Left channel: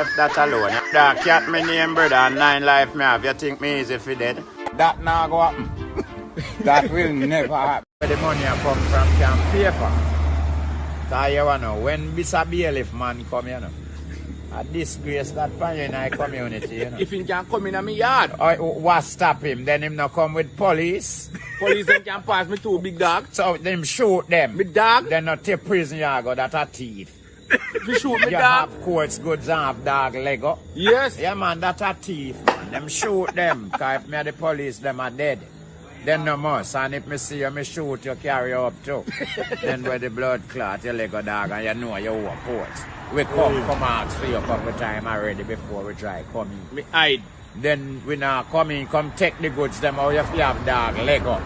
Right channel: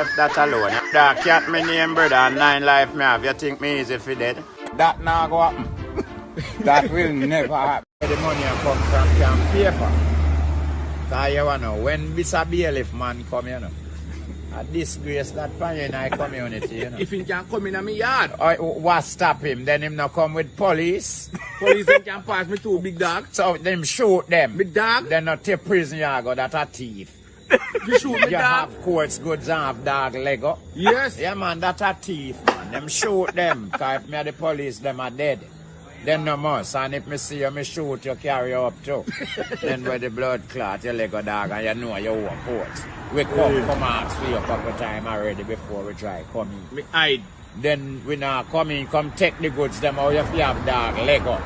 left that alone. That cat me name, brother, and 9 life me have. You think me easy for dead? That now go happen. That will never happen. The money I come from can pay for. Because you know, when Mr. Bailiff man come, you know, a disgrace that pan in our community, you know. If he can come in my yard. What stop him? Then him not come with police. Police can pass me to big dog. So them shoot them. Big dog? Then not take prison you go, that a thief. You shoot me You dog? have courts goods and have dog Lego. Yes. Yeah man, that a thief man. Them shoot them. Cause if me the police, them are dead. Then no more. And if me see you, me shoot you, carry you up too. Then where the blood clot, your Lego dog, and you know you walk court. We come ask for you a couple times already before we try come in. Me hide. Then we now come in, come take the goods them out if you have dog Lego.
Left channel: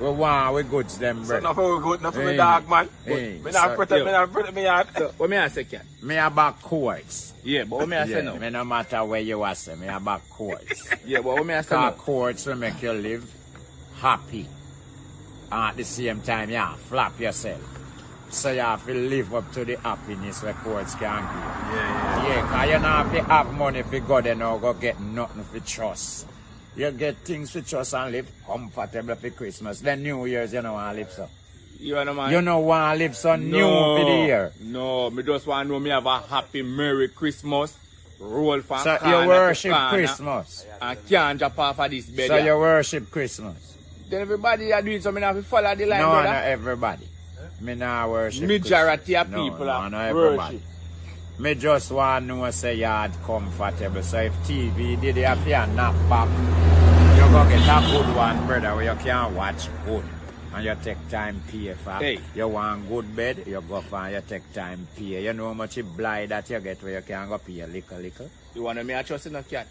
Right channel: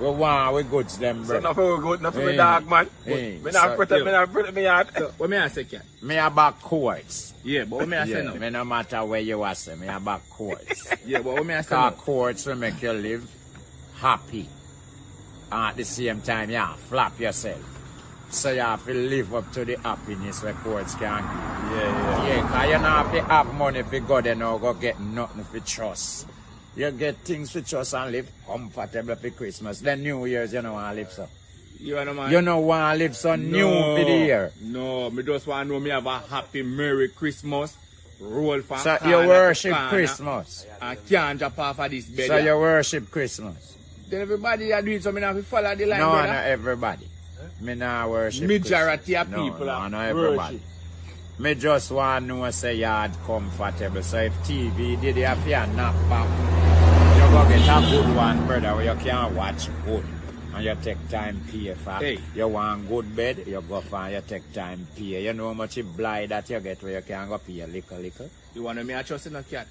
We want we goods them, bro. So nothing good, nothing with dog, man. Hey. Me not protect me yard. So, what me I say, cat? Me a back courts. Yeah, but what me I say now? Me no matter where you are, say, me a back courts. Yeah, but what me I say Cause now? courts will make you live happy. And at the same time, you flap yourself. So you have to live up to the happiness where courts can give. Yeah, because you don't have to have money if you go there now, go get nothing for trust. You get things for trust and live comfortable for Christmas. Then New Year's, you don't want to live so. You know, man. You don't want to live so new for the year. No, me just want to know me have a happy Merry Christmas. Roll from So you worship Christmas. And can't jump off of this bed. So you worship Christmas. Then everybody are doing something, I have to follow the line. No, brother. not everybody. Me not worship Majority Christmas. of people No, not everybody. Me just want to know say yard comfortable. So if TV did have your nap back, you go get a good one, brother, where you can watch good. And you take time pay for. Hey. You want good bed, you go for and you take time pay. You know how much blind that you get where you can go pay a little. You want to me a trust in a cat?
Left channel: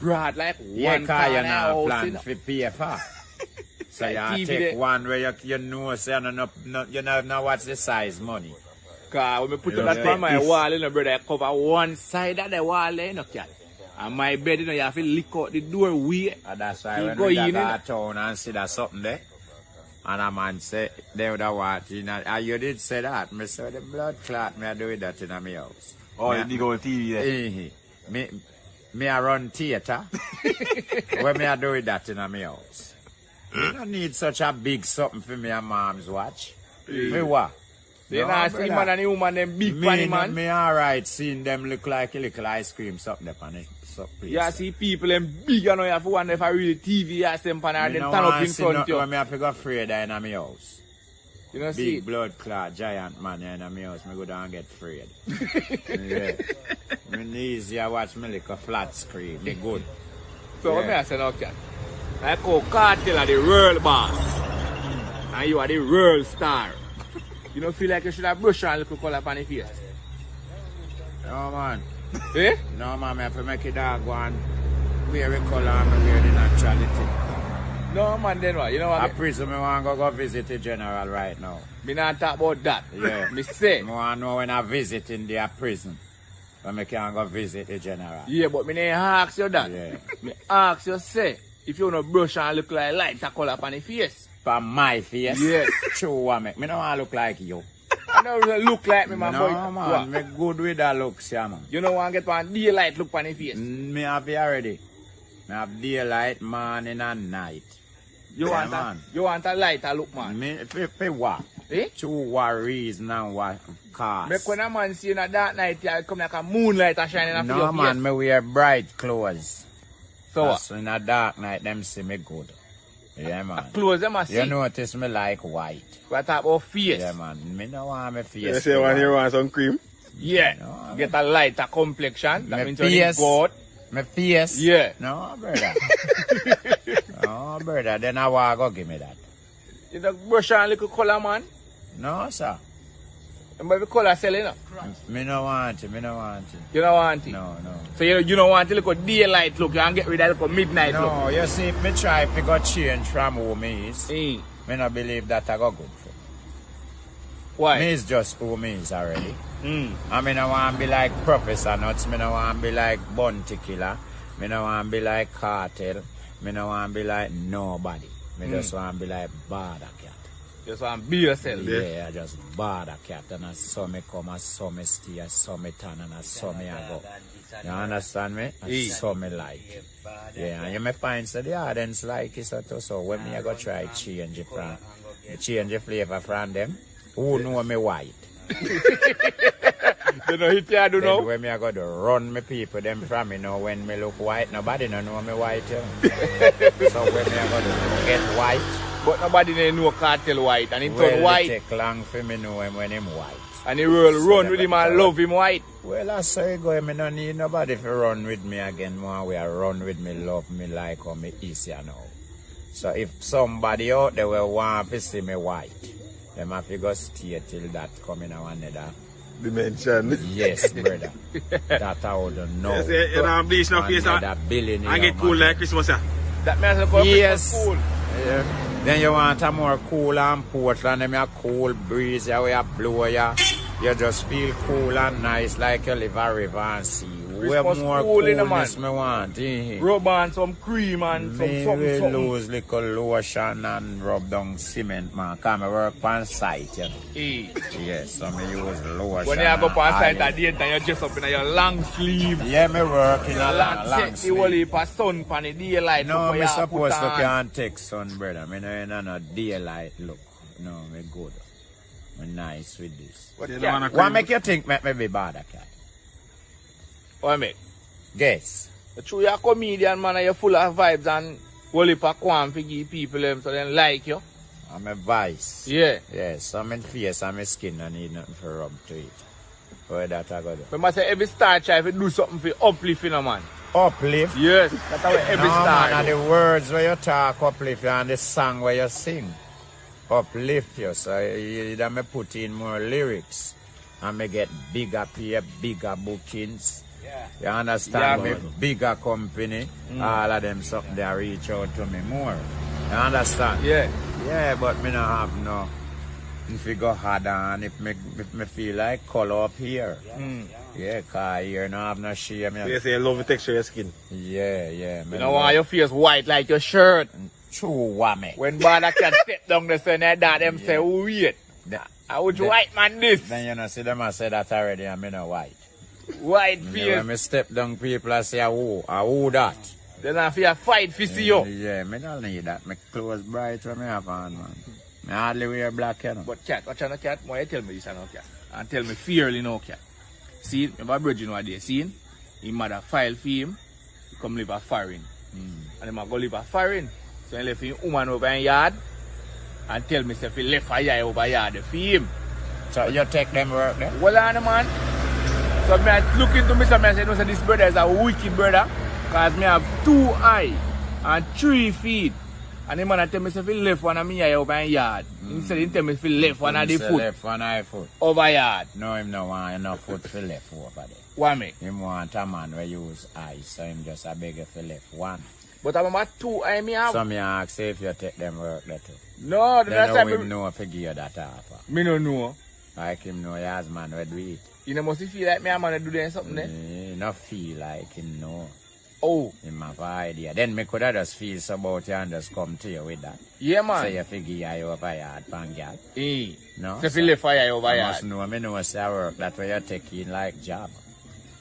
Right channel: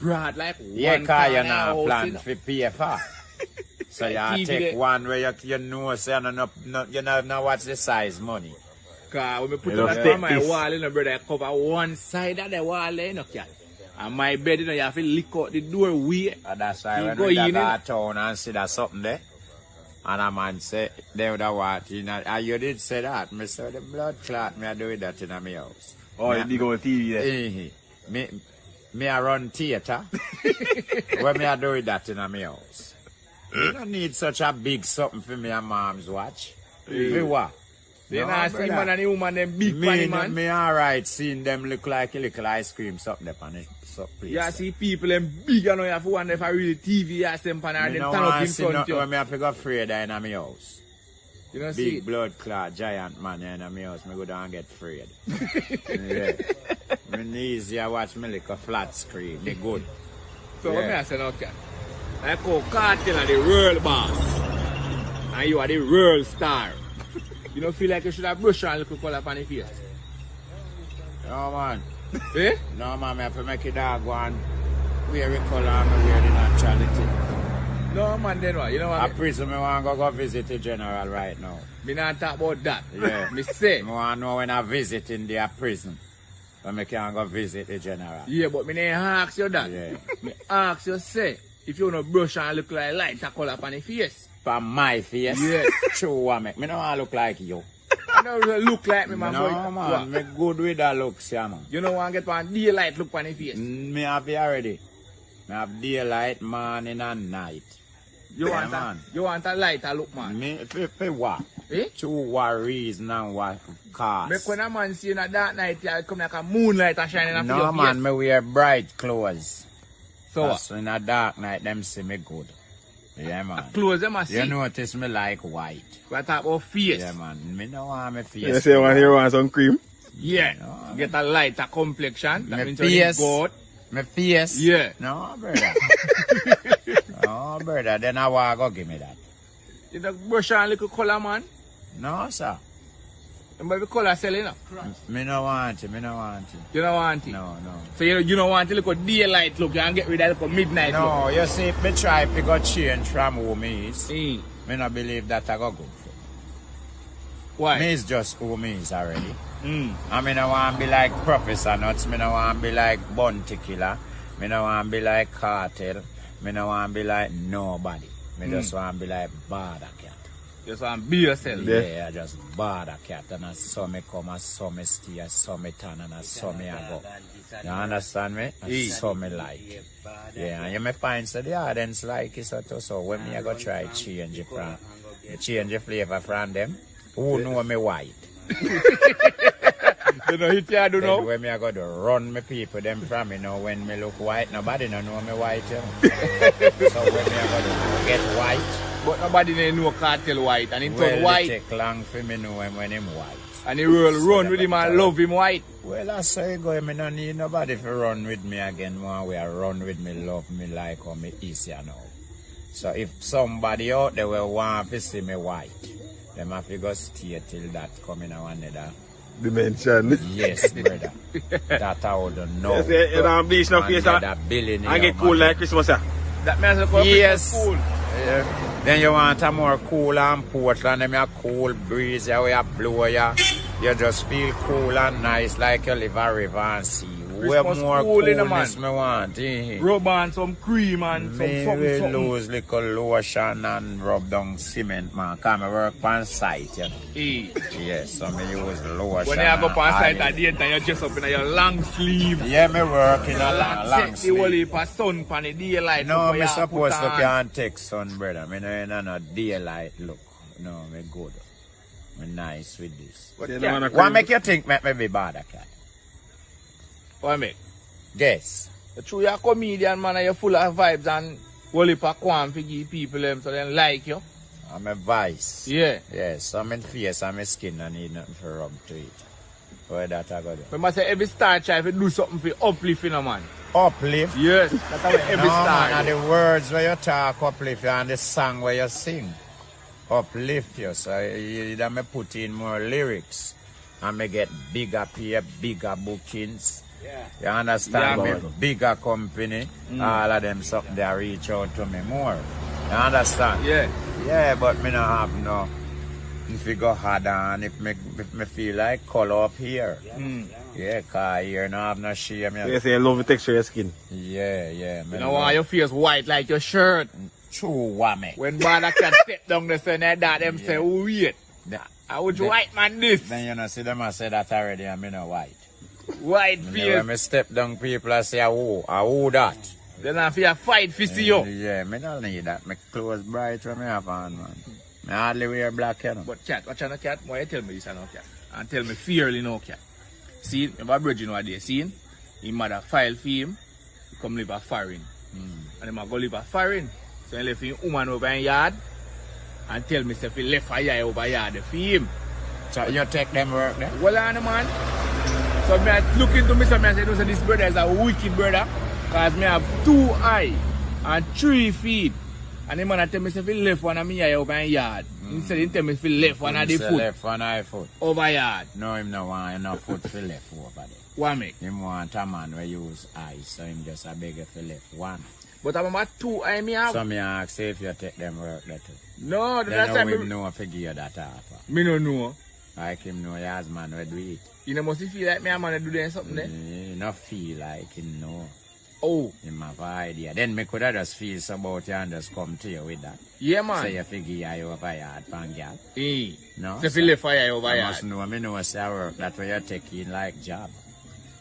Broad like Yeah, one because you corner not house, plan you know. for pay for. So Like you TV take there. one where you know say you know what's the size money. Cause when me put that on my wall, you know, brother, I cover one side of the wall, you know, cat. And my bed, you know, you have to lick out the doorway. And that's why You when go we in, go you know. to town and see that something there. And a man say, they would have what, you know, and you did say that. Me say the blood clot, me I do that in my house. Oh, you go on TV there. Me I run theater. When me I do that in my house. You don't need such a big something for me and mom's watch. Me what? Then No, I see brother. man and the woman, them big funny man. Me alright seeing them look like a little ice cream something there on the place. You see people them big, you know, you have to wonder if I really TV, you see them pan and Me them no turn up want in to see front nothing of when you. me have to go afraid in my house. You know, see? Big blood clot, giant man in my house, me go down and get afraid. Yeah. Me easy I watch me like a flat screen, me good. So what Yeah. me I say now, cat? Like how Cartel are the world boss. And you are the world star. You don't feel like you should have brushed on a little color upon your face? No man. Eh? No man, me have to make it dog go and wear a colour and me wear the naturality. No man, then what? You know A what? prison me want to go visit the general right now. Me not talk about that. Yeah. Me say. Me want to know when I visit in their prison. When me can go visit the general. Yeah, but me didn't ask you that. Yeah. Me ask you say, if you no brush and look like light a color upon your face. For my face? Yes. True one, me don't want to look like you. You don't look like me, man. No So, man, me good with that looks, yeah man. you don't want to get one daylight look upon your face. Me have it already. Me have daylight, morning and night. You Yeah, want man. you want a lighter look, man. Me, for what? Eh? True what reason and what cause. Make when a man see you in a dark night, you come like a moonlight and shining on No your man, face. me wear bright clothes. So what? So in a dark night, them see me good. Yeah man. Clothes them a see. You notice me like white. We talk about face. Yeah man. Me no want me face. You to say when you white. want some cream? Yeah. No, Get a lighter complexion. Me That means face. you're good. Me face? Yeah. No brother. No brother. Then I want go give me that. You don't brush on a little color, man. No sir. And the color selling up. Me no want it. Me no want it. You don't want it. No, no. So you don't want to look at daylight look. You want to get rid of the midnight look. No, you see, me try to go change from who me is. Mm. Me no believe that I go good for me. Why? Me is just who me is already. Mm. I mean, I want to be like Professor Nuts. Me no want to be like Bounty Killer. Me no want to be like Cartel. Me no want to be like nobody. Me just want to be like Bada Cat. Just want to be yourself. Yeah, I just bother cat and I saw me come, I saw me stay, I saw me turn and I saw me I go. You understand me? I saw me like. Yeah, and you may find so the audience like it so when me I go try change it from change the flavor from them, who know me white? You know hit you do Then now? when me I go to run me people them from me know when me look white, nobody no know me white, you know. So when me I go to get white. But nobody know cartel white and he Well, turn white. it take long for me know him when him white. And he will So run that with him but and love him white. Well, I say go, I don't need nobody to run with me again. One way I run with me, love me like how me is you now. So if somebody out there will want to see me white, them have to go stay till that come in another dimension. yes, brother. That I would know. You don't bleach no face and get cool like Christmas. That means Yes. cool. Yeah. Then you want a more cool and Portland, them a cool breeze, you where you blow ya. You just feel cool and nice like you live a river and sea. Where Christmas more cool in the coolness me want, Rub on some cream and me some will something. lose little lotion and rub down cement, man. Come work on site, you know. Hey. Yes, so me use lotion When you have and up on site olive. at the end, you dress up in your long sleeve. Yeah, me work in a long Take the whole sleeve. heap of sun pan the daylight. No, before me you supposed put to on. can't take sun, brother. Me no in no daylight look. No, me good. Me nice with this. But You yeah, don't wanna What make you think make me be bad at cat? what make? Guess. But true, you're a comedian, man, and you're full of vibes and whole heap of qualm to give people them so they like you. I'm a vice. Yeah. Yes, so my face and my skin I need nothing for rub to it. Where that I go do? We must say every star try to do something for uplift, you know, man. Uplift? Yes. That's how every No star man, and the words where you talk uplift you and the song where you sing uplift you. So you me put in more lyrics and me get bigger pay, bigger bookings. You understand? Yeah, Me bigger company, all of them something they reach out to me more. You understand? Yeah. Yeah, but me not have no. If you go hard on, if me feel like color up here. Yeah, cause here no have no shame. They say love the texture of your skin. Yeah. Me You don't love- want your face white like your shirt. True, wame. When man can step down the sun and that, them say, oh, wait. I would white man this. Then you know, see them I say that already, and me no white. White And face. when me step down, people I say, who that? Then I feel fight for see you. Yeah, me don't need that. My clothes bright when me have on, man. Me hardly wear black, you know. But cat, watch out, cat. Why you tell me this and no cat? And tell me fearly no cat. See, my brother what they seen. His mother file for him. He come live a foreign. And he go live a foreign. So he left his woman over in yard. And tell me if he left a yard over yard for him. So you take them work there? Well on man. So I look into me and say, no, so this brother is a wicked brother. Because me have 2 eyes and 3 feet. And the man tell me if he left one of me eye over in yard. He said he tell me if he left one of the foot Left one eye foot. over yard. No, him no want enough foot for left over there. Why me? Him want a man where use eyes, so him just a beg for left one. But I'm about 2 eye me have. So me ask you if you take them work there too. No, the Then last how time him know if you give you that offer. me no know. Like him know he has man where do it. You know must feel like me a man to do them something there. He not feel like him know. Oh, Him have an idea. Then me could have just feel so about you and just come to you with that. yeah So man. you figure you over yard pan girl. Hey. No? If he left fire over I yard. must know, me know say I work that way you taking like job.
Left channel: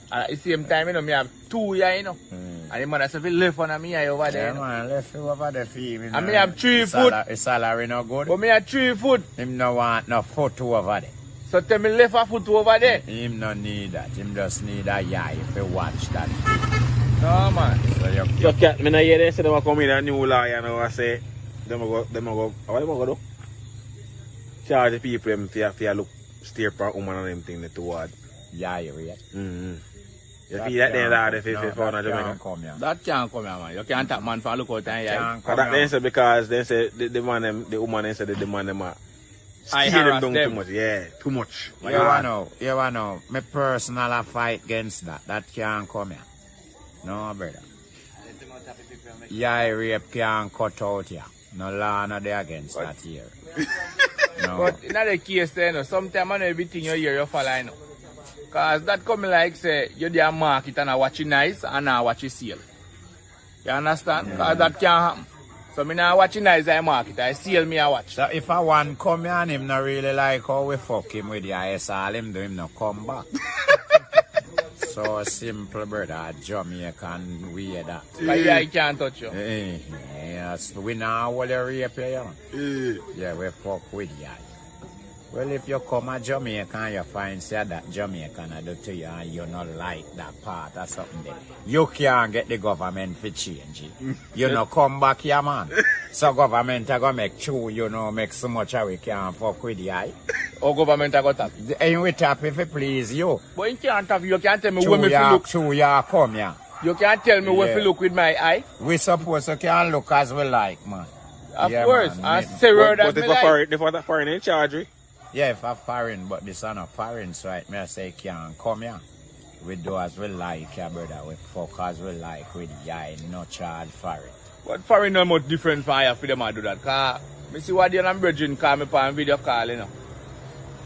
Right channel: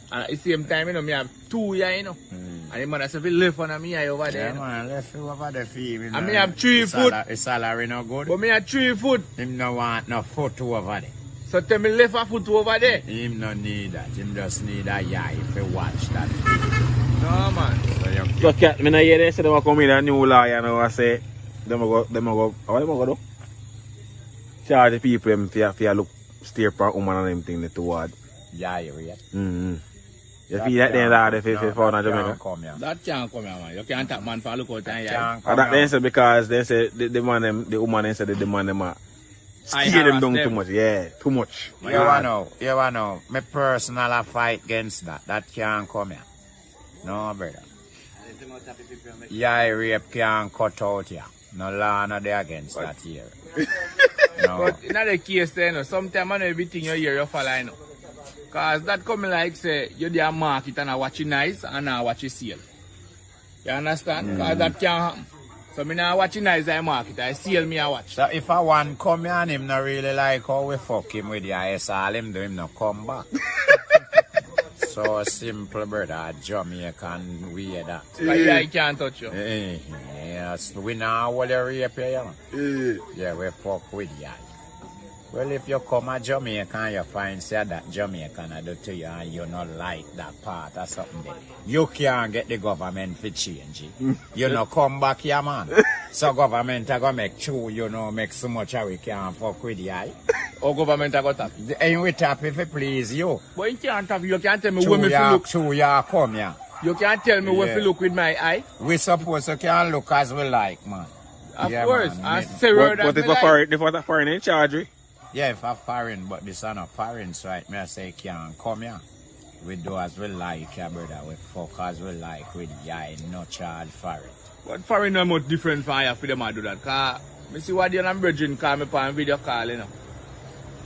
At the same time, you know, me have 2 eye, you know. And the man say if he left one of me eye over there. Yeah You know. man, let's go over the fee. And me have 3 foot. His salary no good. But me have 3 foot. Him no want no foot over there. So tell me left a foot over there. Him no need that. Him just need a eye to watch that. No man. So you So cat, me no hear they say they come in a new law, you know, I say, them go, how them go do? Charge the people them for look, steer for woman and them thing toward. yeah, right? You see that there that if it's found in Jamaica? Come here. That can't come here, man. You can't tap man for look out and yeah. Can't come And that here. they say because they say the man them, the woman they say the man them are I steer them harass down them. too much. Yeah, too much. You wanna know, me personal fight against that. That can't come here. No, brother. Yeah, rape can't cut out here. No law no dey against that here. No. But in the case, you know, sometimes man everything you hear you follow, you know. Cause that coming like say you there market and I watch it nice and I watch it sale. You understand? Cause that can't happen. So me now watching eyes I market. I steal me a watch. So if I want come here and him not really like how we fuck him with the IS, all him do him not come back. So simple, brother. Jamaican weird that. Yeah, I can't touch you. Yes, we now will rape you. Yeah, we fuck with you. Well, if you come to Jamaica and you find say that Jamaican I do to you and you not like that part or something, then you can't get the government to change it. You know, come back here, man. So government are going to make sure, you know, make so much how we can fuck with you. Or government are going to tap. And we tap if it please you. But you can't tap, you can't tell me when me look. True, you come here. You can't tell me when to look with my eye. We suppose you can look as we like, man. Of course, I say word as we like. If a foreign in charge, yeah, if a foreign, but this is not foreign, so right, me I say can't come here. We do as we like, yeah, brother. We fuck as we like with yeah, no charge for it. But foreign not much different for you for them to do that. Cause me see what they and brethren call me on video call, you know.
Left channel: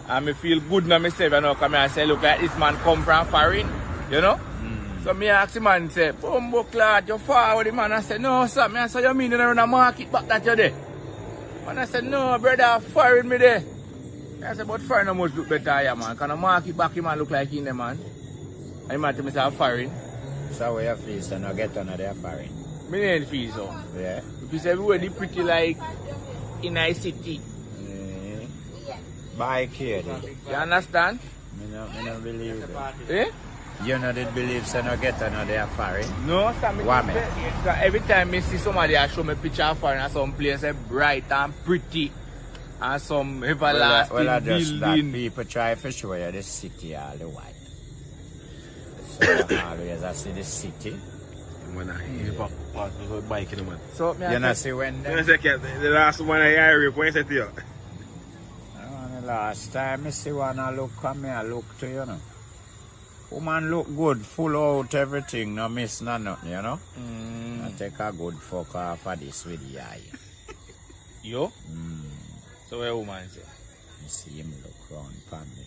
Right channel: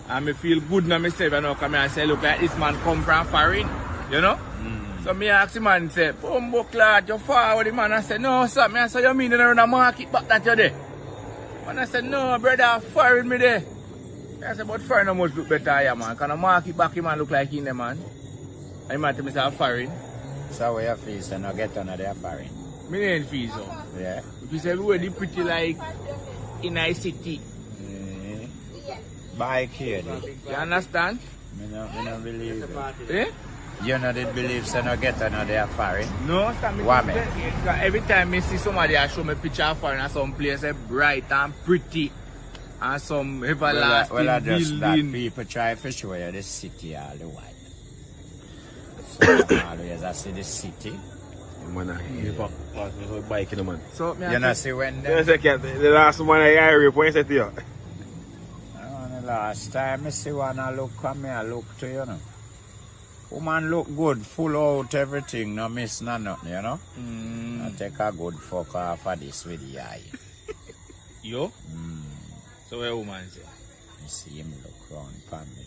And me feel good now myself, you know, come here and say, look, like this man come from foreign, you know. So me ask the man, say, Bumbo Clad, you forward the man. I say, no, sir. Me I say, you mean you run a market back that you there? Man, I said, no, brother, foreign me there. I said, but foreign no much look better here, man. Can a market back him and look like in there, man? And the man to me say, foreign. So where you feel, so no get another foreign? Me ain't feel so. Yeah. If you say, really pretty like in a city. By Katie. You understand? Me no believe it. Eh? You know did believe so no get another foreign? No, sir. Why, man? Every time I see somebody I show me picture of foreign at some place bright and pretty and some everlasting well, I just that building. people try to show you the city all the while. So always I see the city. Man, I hear for bike in the man. So, you know see when them, the last one I hear when I said to you. The last time I see one I look come here, I look to you know. Woman look good, full out everything, no miss no nothing, you know. I take a good fuck off of this with the eye. You? So what woman say? I see him look round for me.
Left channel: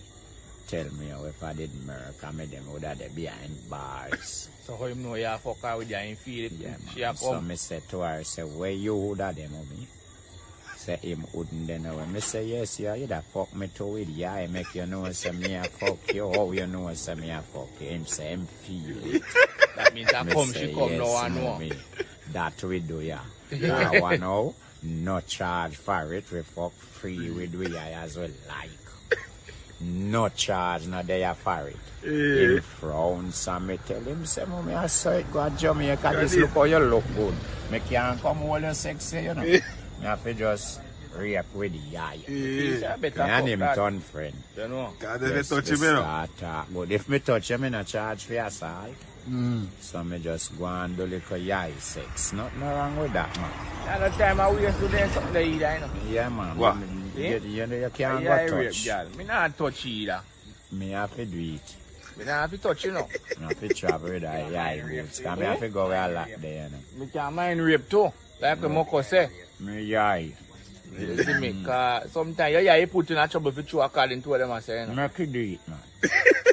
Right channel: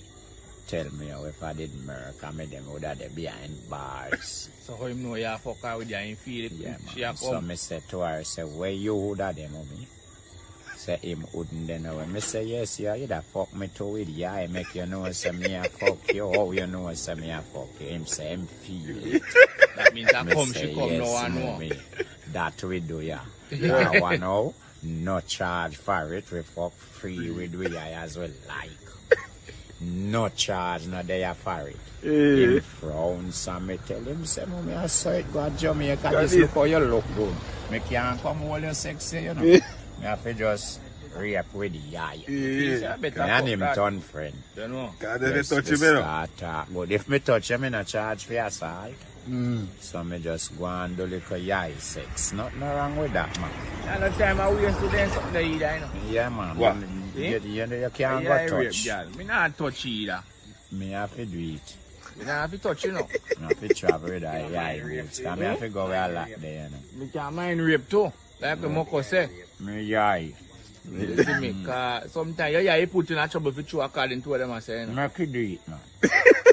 Tell me how if I did murder, me them would have behind bars. So how him know you fuck her with you and feel it? Yeah, man. So me say to her, say, where you would have them of me? Say him wouldn't then know. Me say, yes, you da fuck me too with you. I make you know, say me a fuck you. How you know, say me a fuck you? Him say, him feel it. That means that me come, say, she come yes, now and no, now. me. That we do, yeah. Now I know, no charge for it. We fuck free with we as we like. No charge, no there for it. Him frown, so me tell him, say, mommy, I saw it go to Jamaica, just look how you look good. Me can't come all your sexy, you know. Me have to just rape with the eye. Me and him turn friend. You know. Just touch him, you know. But if me touch him, I no charge for assault. So me just go and do little yai sex. Nothing wrong with that, man. And the time I waste to them something like that, you know. Yeah, man. What? You can't go touch. Me not touch either. Me have to do it. Me not have to touch, you know. I have to travel with the yai boots. Because me have to go where I like there, you know. You can't mind rape too. Like the Moko say. Me yai. You see me? Because sometimes you put in a trouble if you throw according to what them are saying. Me can do it, man.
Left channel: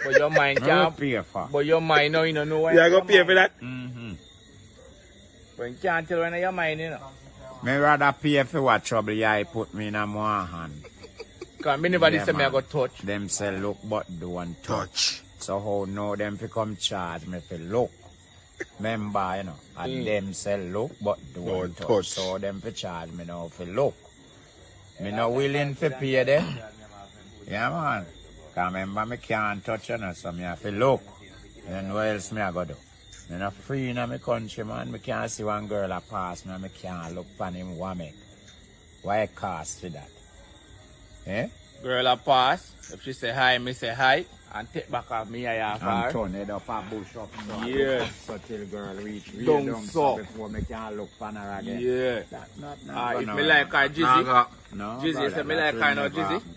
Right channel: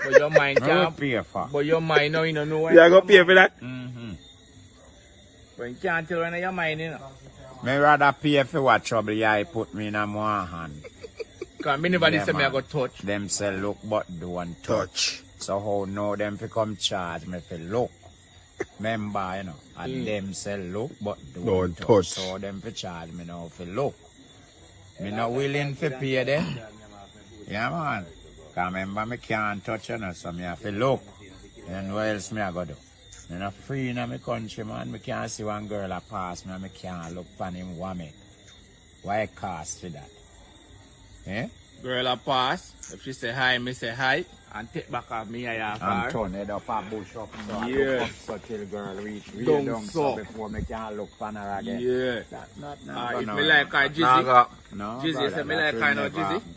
But your mind I will can't. pay for. But your mind now, you don't know what. You are going to pay for that? But you can't tell when your mind, you know. Me rather pay for what trouble yai put me in a more hand. Because me never Yeah, say me I man. go touch. Them say look but don't touch. So how now them fi come charge me fi look. Remember, you know, and them say look but don't touch. So them fi charge me now fi look. Me not willing fi pay them. Yeah, man. Because remember me can't touch you know, so me have to look. Then what else me I go do? Me not free in my country, man. Me can't see one girl a pass me and me can't look on him woman. Why cost for that? Eh? Girl a pass. If she say hi, me say hi. And take back of me I have And her. turn it up and bush up. So I Yeah. look up so till girl reach way Down down so. so before me can look on her again. Yeah. That not If me like her, Nah, Jizzy. go. No, Jizzy, brother, say me that like will her now, never Jizzy. happen.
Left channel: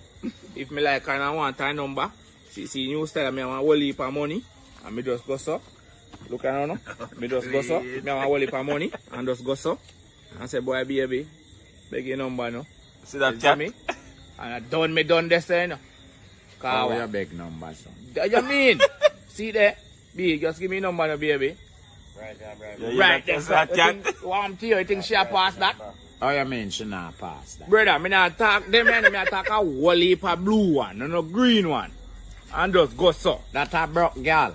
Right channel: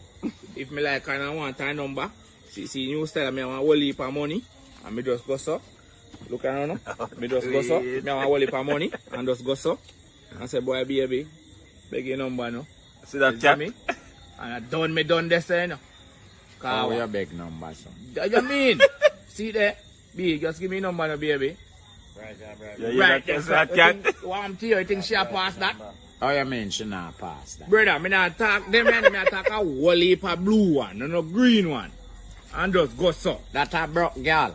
If me like her and I want her number. See new style, me want a whole heap of money. And me just go so. Look around now. Me just go so. Me want a whole heap of money. And just go so. And say, boy, baby. Beg your number now. See that You see cat? me? And I done this, you know. Oh, your big number, son. What you mean? See there? B, just give me number now, baby. Yeah, Right, that's that's that cat. Warm to you, you think she'll pass that? How you mean she not pass that? Brother, me not talk them man, me talk a whole heap of blue one, no green one. And just go so. That a broke girl.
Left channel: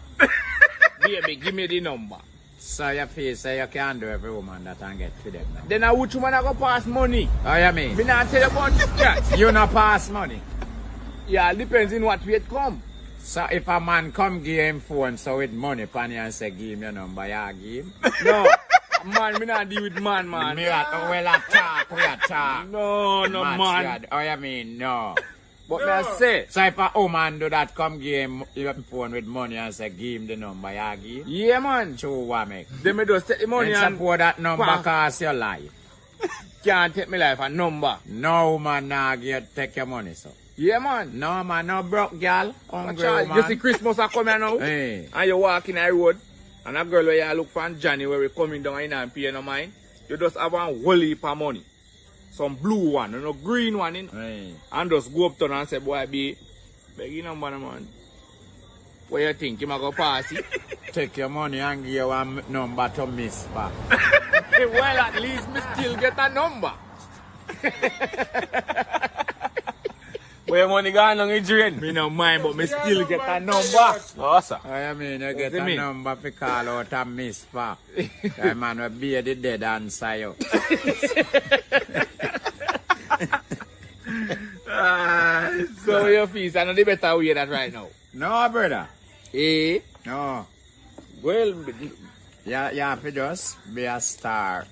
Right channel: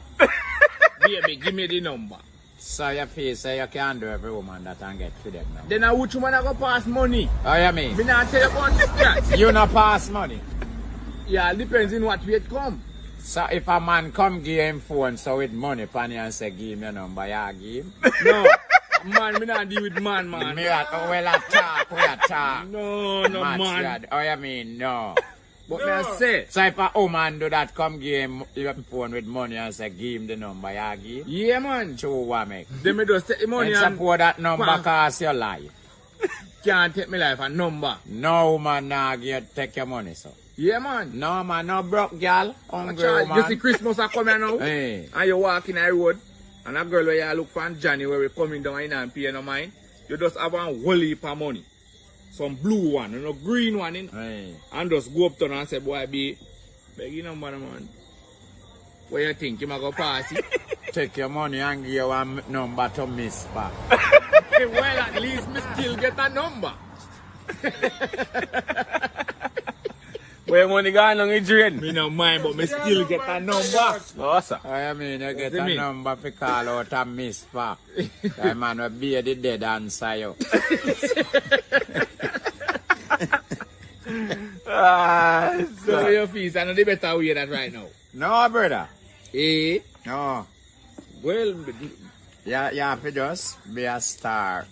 Baby, give me the number. So you feel say you can't do every woman that and get for them now. Then which woman I go pass money? How you mean? Me not tell you about that. You not pass money. Yeah, depends in what way it come. So if a man come give him phone so with money pan you and say give him your number, you give him? No. Man, me not deal with man. Me well I talk, we a talk. No, man. How you mean no? But me I say. So if a woman do that, come give him your phone with money and say give him the number, you give him? Yeah, man. True what make? Then me just take the money and support that number cost your life. Can't take me life a number. No woman nah take your money, so. Yeah, man. No man, no broke girl, hungry woman. You see Christmas are coming now? Hey. And you walk in the road, and a girl where you look for in January coming down in and pay no mind, you just have a whole heap of money. Some blue one, and a green one, you know? Hey. And just go up to her and say, boy, be, beg you number, man. What you think? You might go pass it? Take your money and give you one number to miss back. Well, at least me still get a number. Where money gone on your drain? Me no mind, but me still get a number. No, sir. I mean, you get a number to call out a miss back. That man will be the dead answer you. So your fees are not the better way that right now. No, brother. Eh? No. Well, You have to just be a star.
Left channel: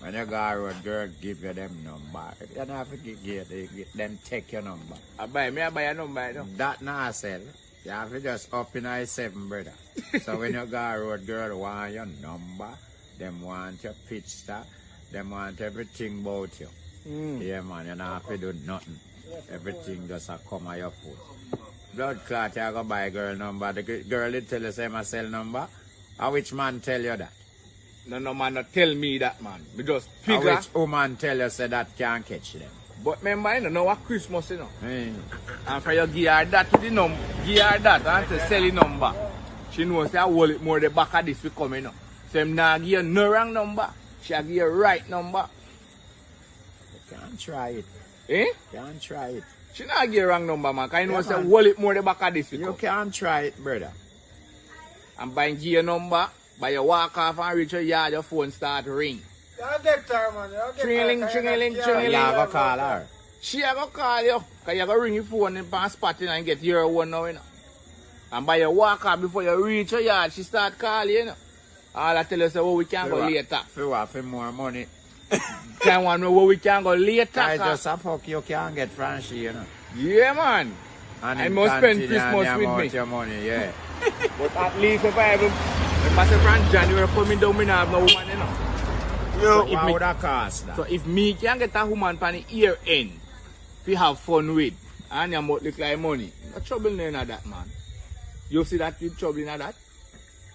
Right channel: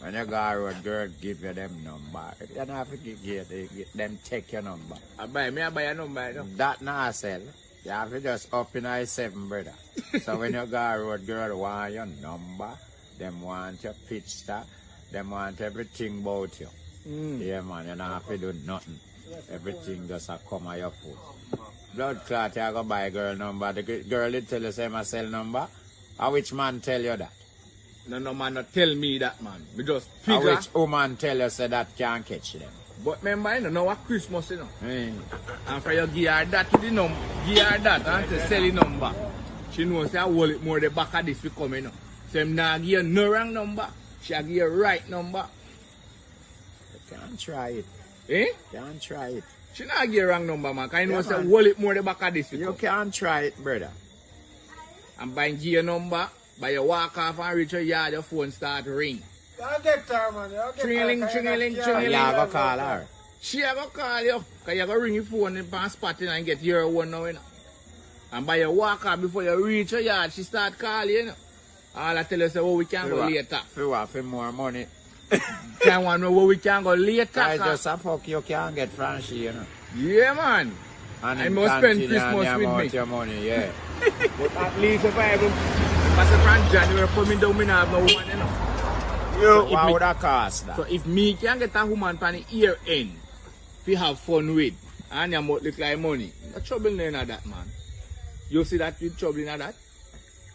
When you go out, girl, give you them number. You don't have to give them take your number. I buy a number. No? That not sell. You have to just up in I-7, brother. So when you go out, girl, want your number, them want your picture, them want everything about you. Yeah, man, you don't have to do nothing. Everything just a come on your foot. Blood clot, you go buy girl number. The girl did tell you say my cell number. Or which man tell you that? No man not tell me that, man. We just figure. Or which woman tell you say that can't catch them? But remember, you know what Christmas, you know. Hey. And for you give her that to the number, give her that and say sell the number. She knows say I hold it more the back of this we come, you know. So I'm not give you no wrong number. She give you right number. You can't try it. Eh? Can't try it. She not give you wrong number, man. Because I know Yeah, say man. hold it more the back of this we You come. can't try it, brother. And by give your number, by you walk off and reach your yard, your phone start ring. Tringeling. And you go call her. She a go call you. Because you go ring your phone and spot it and get your one now, you know. And by you walk off before you reach your yard, she start calling you, know. All I tell you say, oh, we can go later. If you want for more money, Can want to know where we can go later. I just a fuck you can't get fancy, you know. Yeah, man. And I him must spend continue Christmas and the with amount me. your money, yeah. But at least if I say from January coming down, me not have no woman, you know. So if what me- would that cost that? So if me can get a woman from the year end, we have fun with, and you might look like money, no trouble in that, man. You see that you trouble in that?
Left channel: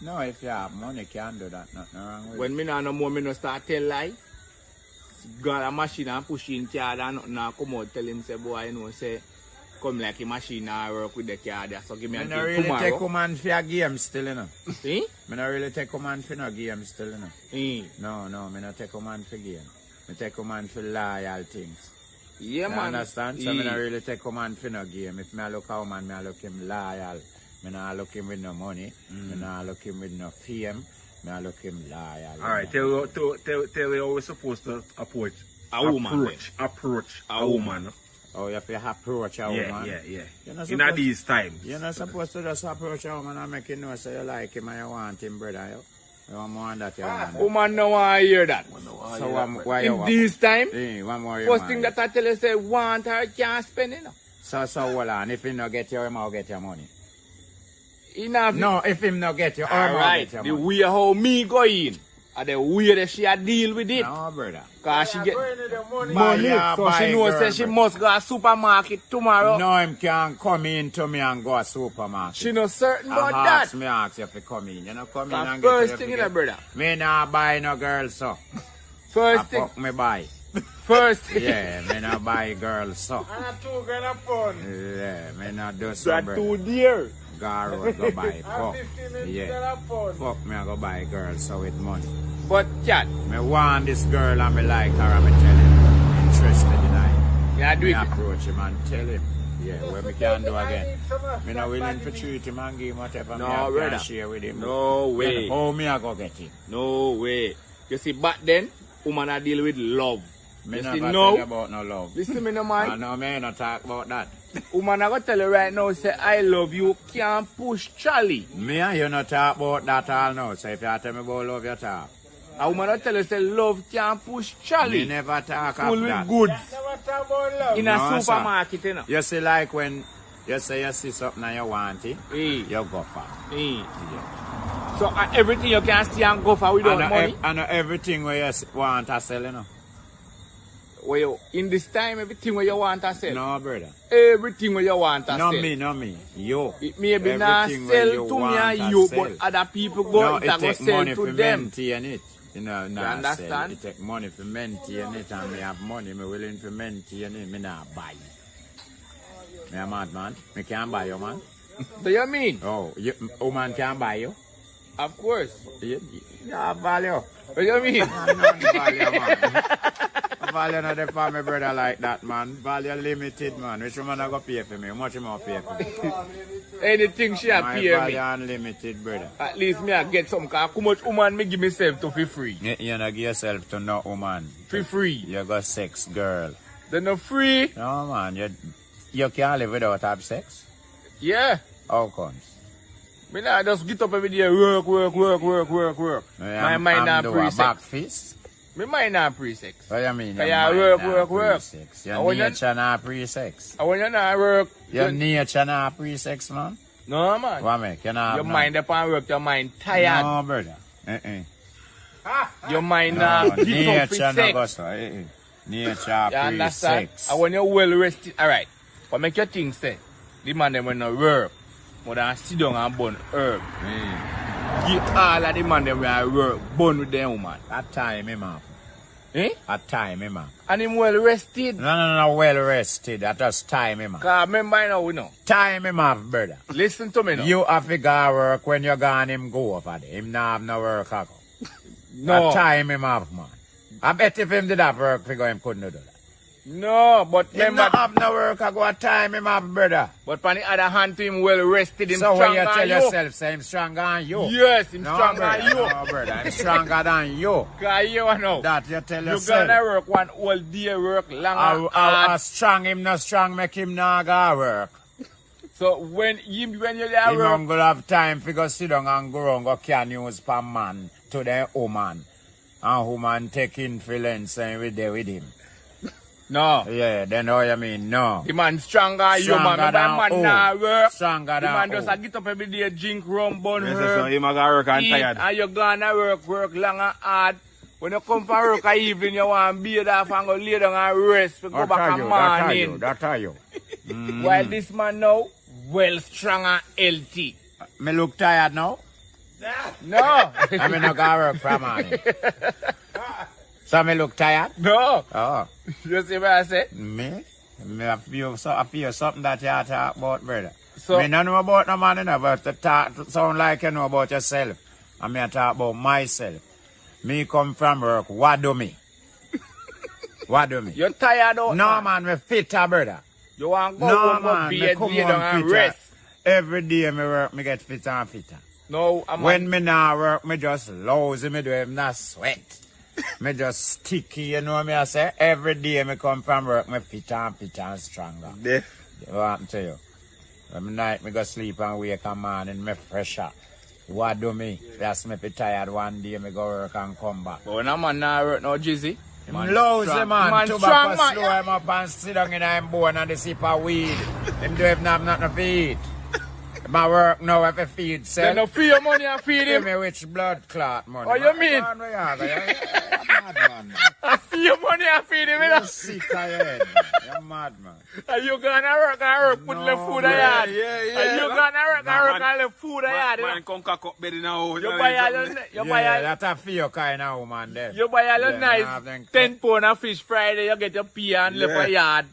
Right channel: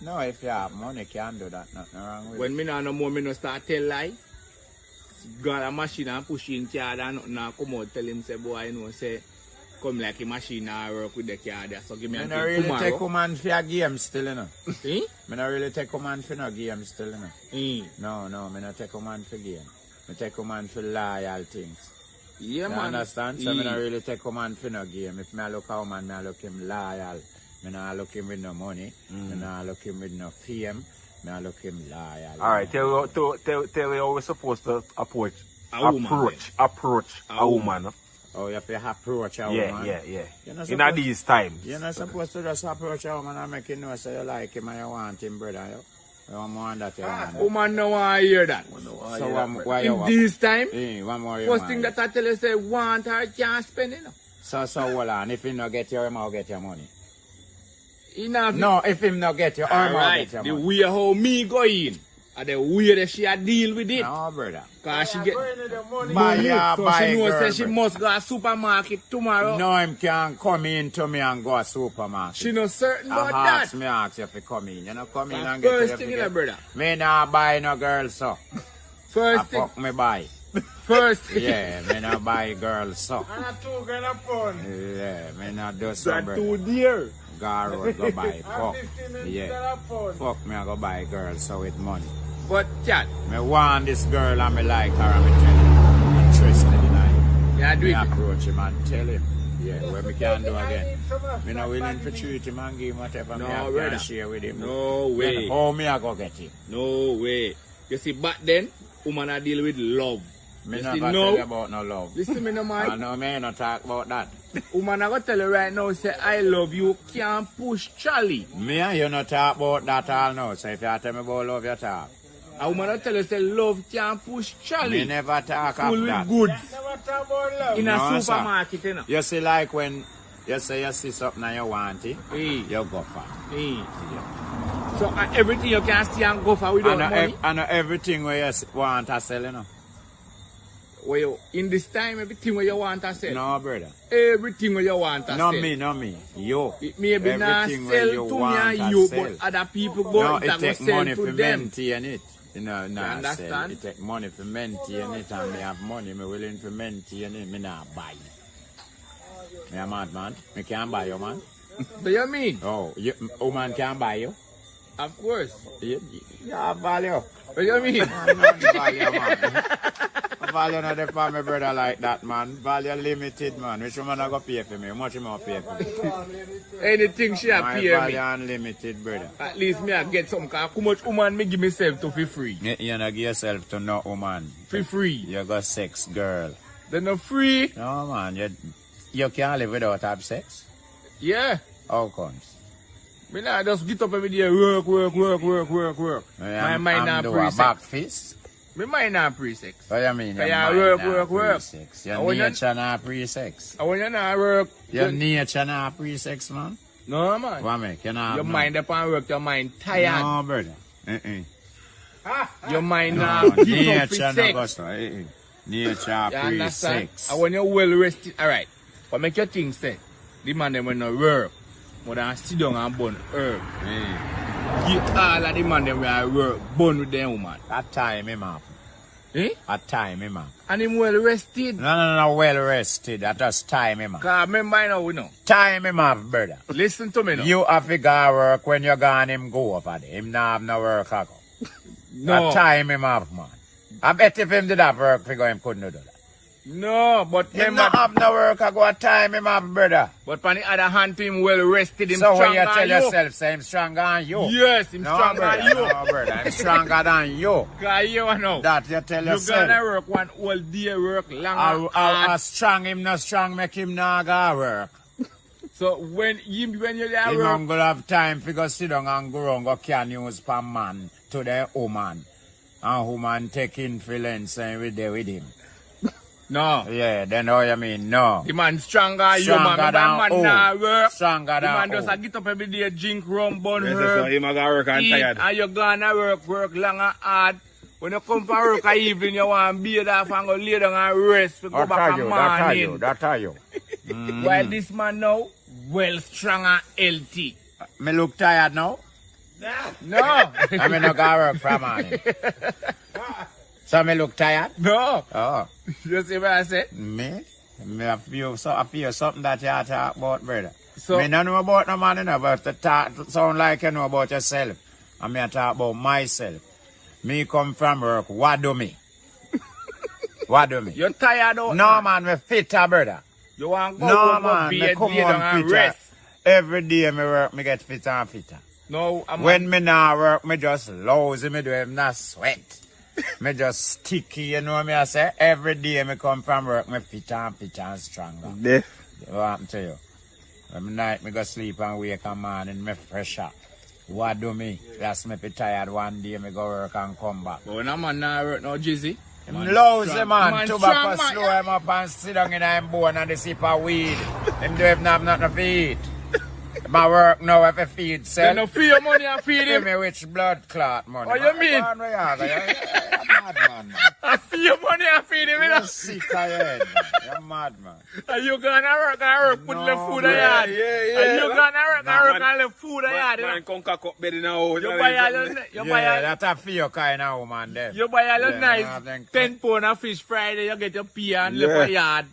No, if you have money, you can't do that. Nothing wrong with it. When me not no more, me no start tell lie. Got a machine and push in car and nothing now come out tell him say boy you know say come like a machine and work with the car there. So give me I a don't thing really take tomorrow. woman for a game still, you know. See? I don't really take woman for no game still, you know. No, I don't take woman for game. I take woman for loyal things. Yeah, You man. understand? So I don't really take woman for no game. If I look a woman, I look him loyal. I don't look him with no money. I don't look him with no fame. I look him loyal. Alright, tell me how we're supposed to approach A woman. a woman. Oh, you have to approach a woman. Yeah. You're not In supposed, these times. you're not supposed to just approach a woman and make you know so you like him and you want him, brother. You want more than that, you want him. Woman no want to hear that. So why you In want? this time, One more you first want. thing that I tell you say want her can't spend it. So hold on. If him not get you, him will get your money. Enough. No, if him not get you, him will Alright, get the your money. way how me go in, and the way that she a deal with it. No, brother. Cause she get Buy money, ya, so buy she knows girl, that she brother. must go to supermarket tomorrow. No, him can come in to me and go to supermarket. She no certain I about ask that. me ask you if you come in. You know, come in Cause and get first you thing, forget. brother. Me not buy no girl, so. I First thing. fuck me buy. First thing. Yeah, me not buy girl, so. Yeah, me not do so, That brother. too dear. Go road, go buy fuck. Yeah. Fuck me, I go buy girl so with money. But chat, Me want this girl and me like her and me tell him I'm interested in her. yeah, do Me it. approach him and tell him. Yeah, what me can do again. Me not willing to treat him and give him whatever me have can share with him. No way. How me I go get him? No way. You see, back then, woman I deal with love. Me You never see, tell now, you about no love. listen me no man. I know me not talk about that. Woman I go tell you right now, say I love you, can't push Charlie. Me and you not talk about that all now. So if you tell me about love, you talk. A woman I tell you, say love can't push Charlie. Me never talk Full of with that. goods. In No, a sir. supermarket, you know. You see, like when you say you see something and you want it, Hey. you go for it. Hey. Yeah. So everything you can see and go for without money. And everything where you want to sell, you know. Well, in this time, everything where you want to sell. No, brother. Everything where you want to No sell. me, no me. You. It may be not Everything sell where you to want me to and you, sell. but other people go No, and it go take sell money to for them. maintain it. You know, nah, understand? sell. It take money for maintain it, and me have money, me willing to maintain it, me not buy it. Me a mad man. Me can't buy you, man. Do you mean? Oh, you, woman can buy you. Of course. You have value. What do you mean? I'm not value, man. Value not the for my brother like that, man. Value limited, man. Which woman I go pay for me? How much you more pay for me? Anything she a My pay value me. unlimited, brother. At least me I get some car. How much woman me give myself to for free? You not give yourself to no woman. For free. You got sex, girl. They no free. No, man. You can't live without have sex. Yeah. How comes? Me nah just get up every day, work. My mind I'm not doing a pre-sex. back fist. Me mind not pre-sex. What do you mean? Your Yeah, mind work. not pre-sex. Your And when you- nature not pre-sex. And when you not work, Your nature not pre-sex, man. no man. What make? You not have Your none? mind upon work, your mind tired. No, brother. Your mind No, not deep up nature with no go sex. so. Nature You understand? pre-sex. And when you're well rested, alright. But make your thing say, the man them when no work, but they sit down and burn herb. Get all of the man them when I work, burn with them woman. That time him up. Eh? That time him up. And him well rested. No, well rested. That just time him up. Cause remember now we know. Time him up, brother. Listen to me now. You have to go work when you gone him go over there. Him not have no work I go. No. That time him up, man. I bet if him did have work, figure him couldn't do that. No, but Him not have no work I go at time him up, brother. But on the other hand to him well rested in So when you stronger tell than yourself, say him stronger than you. Yes, him No, stronger brother, than you. no, brother. I'm stronger than you. Cause you know. That you tell You yourself. gotta work one whole day, work long. How strong him not strong, make him not go work. So when you're there Him work, not gonna have time to go sit down and go around go can use per man to the woman. And woman take influence and we there with him. no. Yeah, then how you mean? No. The man stronger, you Stronger man. than Man who? nah work. Stronger The man than just a who? get up every day, drink rum, bun Yes, so herb, him a go work and eat, tired. and you gonna work long and hard. When you come for work at evening, you want to bathe off and go lay down and rest to go That back are in you, morning. that are you, that are you. Mm. While this man now, well strong and healthy. Me look tired now? No. I mean, I got work from morning. So me look tired? No. Oh, You see what I say? me? I feel something that you talk about, brother. So, Me no know about no man, you know, but to talk, sound like you know about yourself. And me I talk about myself. Me come from work, what do me? What do me? you're tired out. No man, me fitter, brother. You want to go No home man, and me bed, come lay down on and fitter. rest. Every day me work, me get fitter and fitter. No, I'm When me not work, me just lousy, me do have not sweat. Me just sticky, you know what I say? Every day me come from work, me fitter and stronger. Deaf. What happened to you? When night me go sleep and wake and morning, me pressure. What do me? That's me be tired one day, me go work and come back. But no man not work no jizzy. Lousy strong. man, Man too strong, back man. slow him up and sit down in him bone and the sip of weed. Him do have nothing to eat. My work now have to feed You self. no free your money and feed Give him. me which blood clot money. What you mean? Man, where you go? You're mad, man. Free your money and feed him. You You're know? sick of your head, man. You're mad, man. And you gonna work, put No, the food in bro. the yard. Yeah. And you gonna work, Man, and the food in the yard. Man, come cock up bed in a hole. You buy all the, you buy Yeah, all, that's a few kind of woman there. you buy all the Yeah, I have nice them 10 pound of fish Friday, you get your pea and Yeah. left a yard.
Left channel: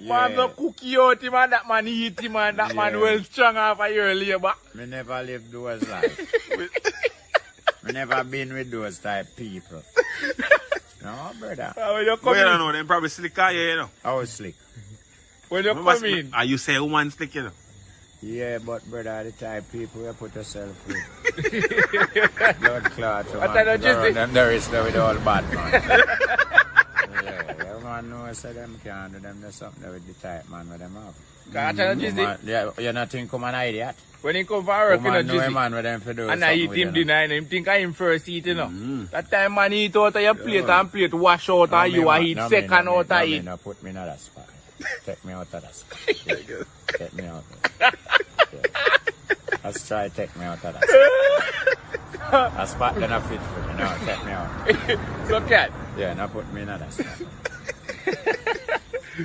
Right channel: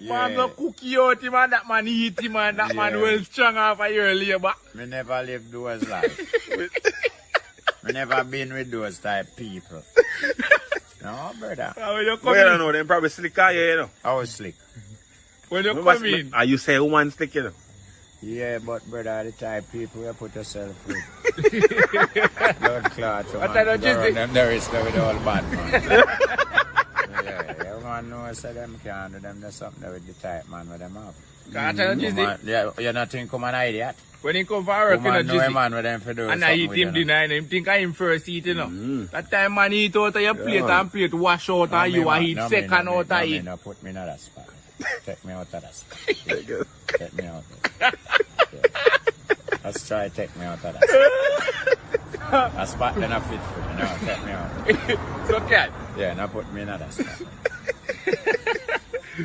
Man go cook you out him and that man eat him and that man well strong off a year labor. Me never live those life. Me never been with those type people. No, brother. Well, I don't know, them probably slick on you, you know. I was slick. When you come in. Are you say woman slick, you know? Yeah, but brother, the type people you put yourself with. Blood clots, man. Them there is with all bad man. Yeah, you man know so them can't do them. There's something with the type man with them up. You're not think come an idiot. When he come for work, you know, man with them for do and I eat him dinner, and him think I him first eat, you know. That time man eat out of your plate and plate wash out of you and eat second out of it. No, put me in that spot. Take me out of that spot. Take me out. Let's try to take me out of that spot. That spot then I fit for me. No, take me out. So cat? Yeah, now put me in that spot.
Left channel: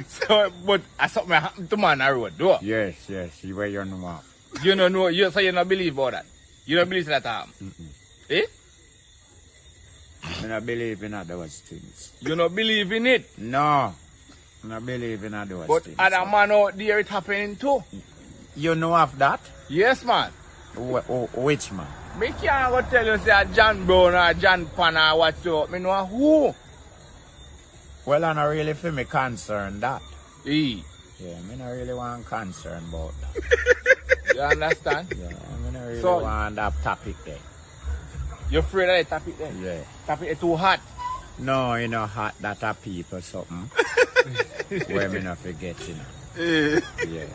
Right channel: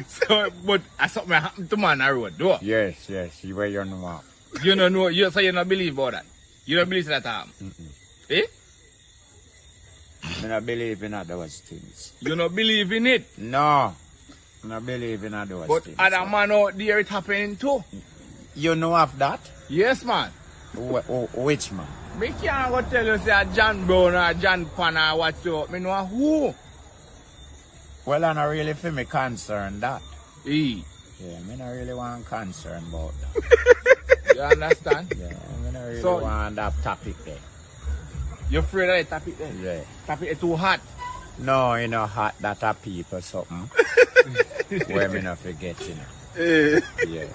So, but something happened to man on the road, though? Yes, where you know. You don't know, so you don't believe about that? You don't believe in that time? Eh? I don't believe in those things. You don't believe in it? No. I don't believe in those things. But other man out there it happening too. You know of that? Yes, man. Which man? Me can't go tell you say John Brown or John Pan or what's up. Me know who. Well, I'm not really feel me concerned that. Yeah, me not really want concern about that. You understand? Yeah, me not really want that topic there. You afraid of that topic there? Yeah. Topic is too hot? No, you know hot that a people something. Where me not forget, you know. Yeah.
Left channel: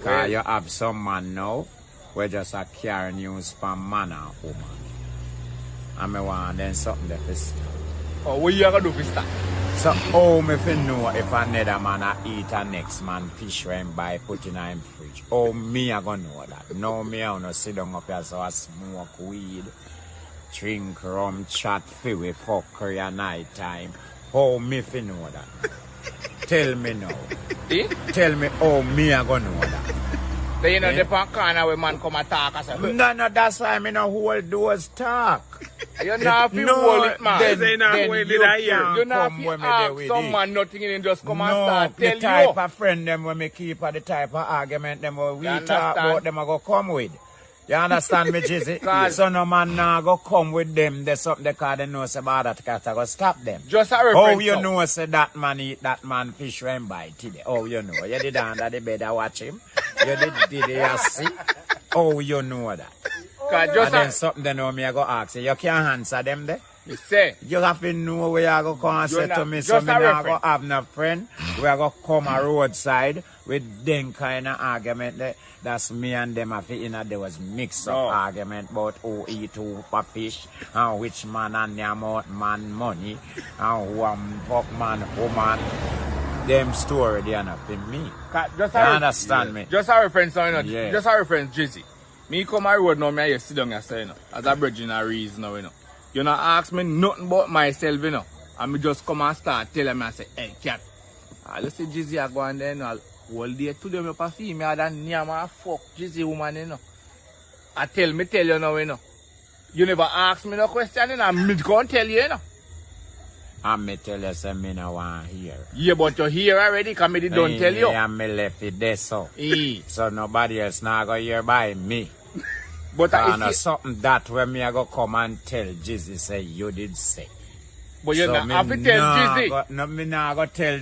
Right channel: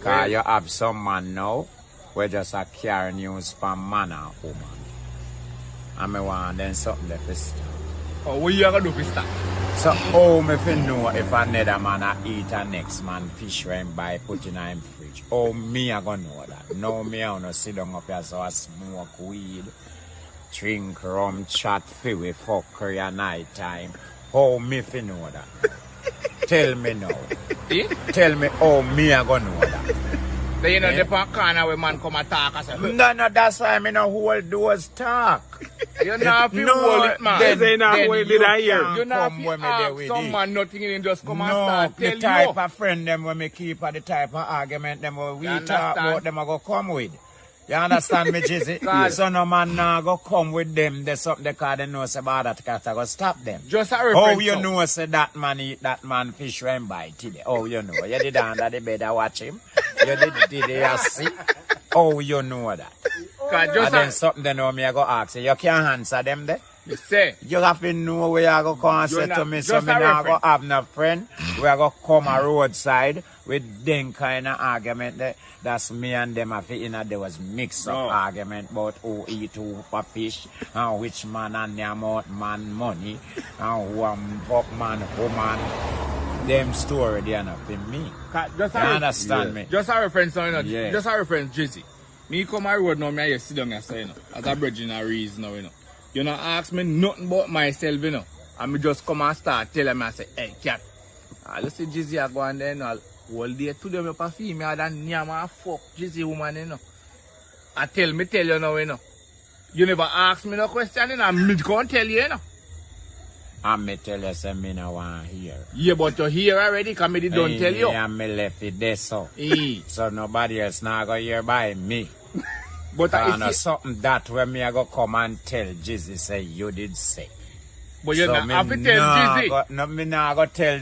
Cause you have some man now where just a carry news from man and woman. And me want then something there for stop. Oh, what you gonna do for stop? So how me fi know if another man a eat a next man fish when him buy put in him fridge? How me a gonna know that? No, me a gonna sit down up here so I smoke weed, drink rum, chat fi we fuckery at night time. How me fi know that? Tell me now. Tell me how me a gonna know that. So you know the corner where man come and talk or something? No, that's why me no hold those talk. You know hold it, man. Then you can't come when me there with it. Someone nothing in just come and no, start the type of friend them when me keep the type of argument them when we talk about them I go come with. You understand me, Jizzy? So no man now go come with them. There's something they call they know say about that cat I go stop them. Just a reference. Oh, you know say that man eat that man fish when buy today. Oh, you know. You did under the bed I watch him. You did you see? Oh, you know that. And then something they know me I go ask you. You can't answer them there. You say. You have to know where you go come and say to me. So me now go have no friend. We are go come a roadside with them kind of argument there. That's me and them there was mix up argument about who eat who for fish and which man and the amount man money and who fuck man woman. Them story they are not for me. You understand me? Just a reference, you know. Yeah. Just a reference, Jizzy. Me come a road now, me I sit down and say, you know, as a bridge in a reason now, you know. You not ask me nothing about myself, you know. And me just come and start telling me, I say, hey, cat. You see Jizzy I go and then all day today me for female than name and fuck Jizzy woman, you know. I tell you now, you know. You never ask me no question, you know. I'm going to tell you, you know. And me tell you say me no want hear. Yeah, but you hear already because me don't tell you. And me left it there so. So nobody else now go hear by me. But it's something that when me I go come and tell Jizzy say you did say. But you so not have to tell Jizzy. No, me nah go tell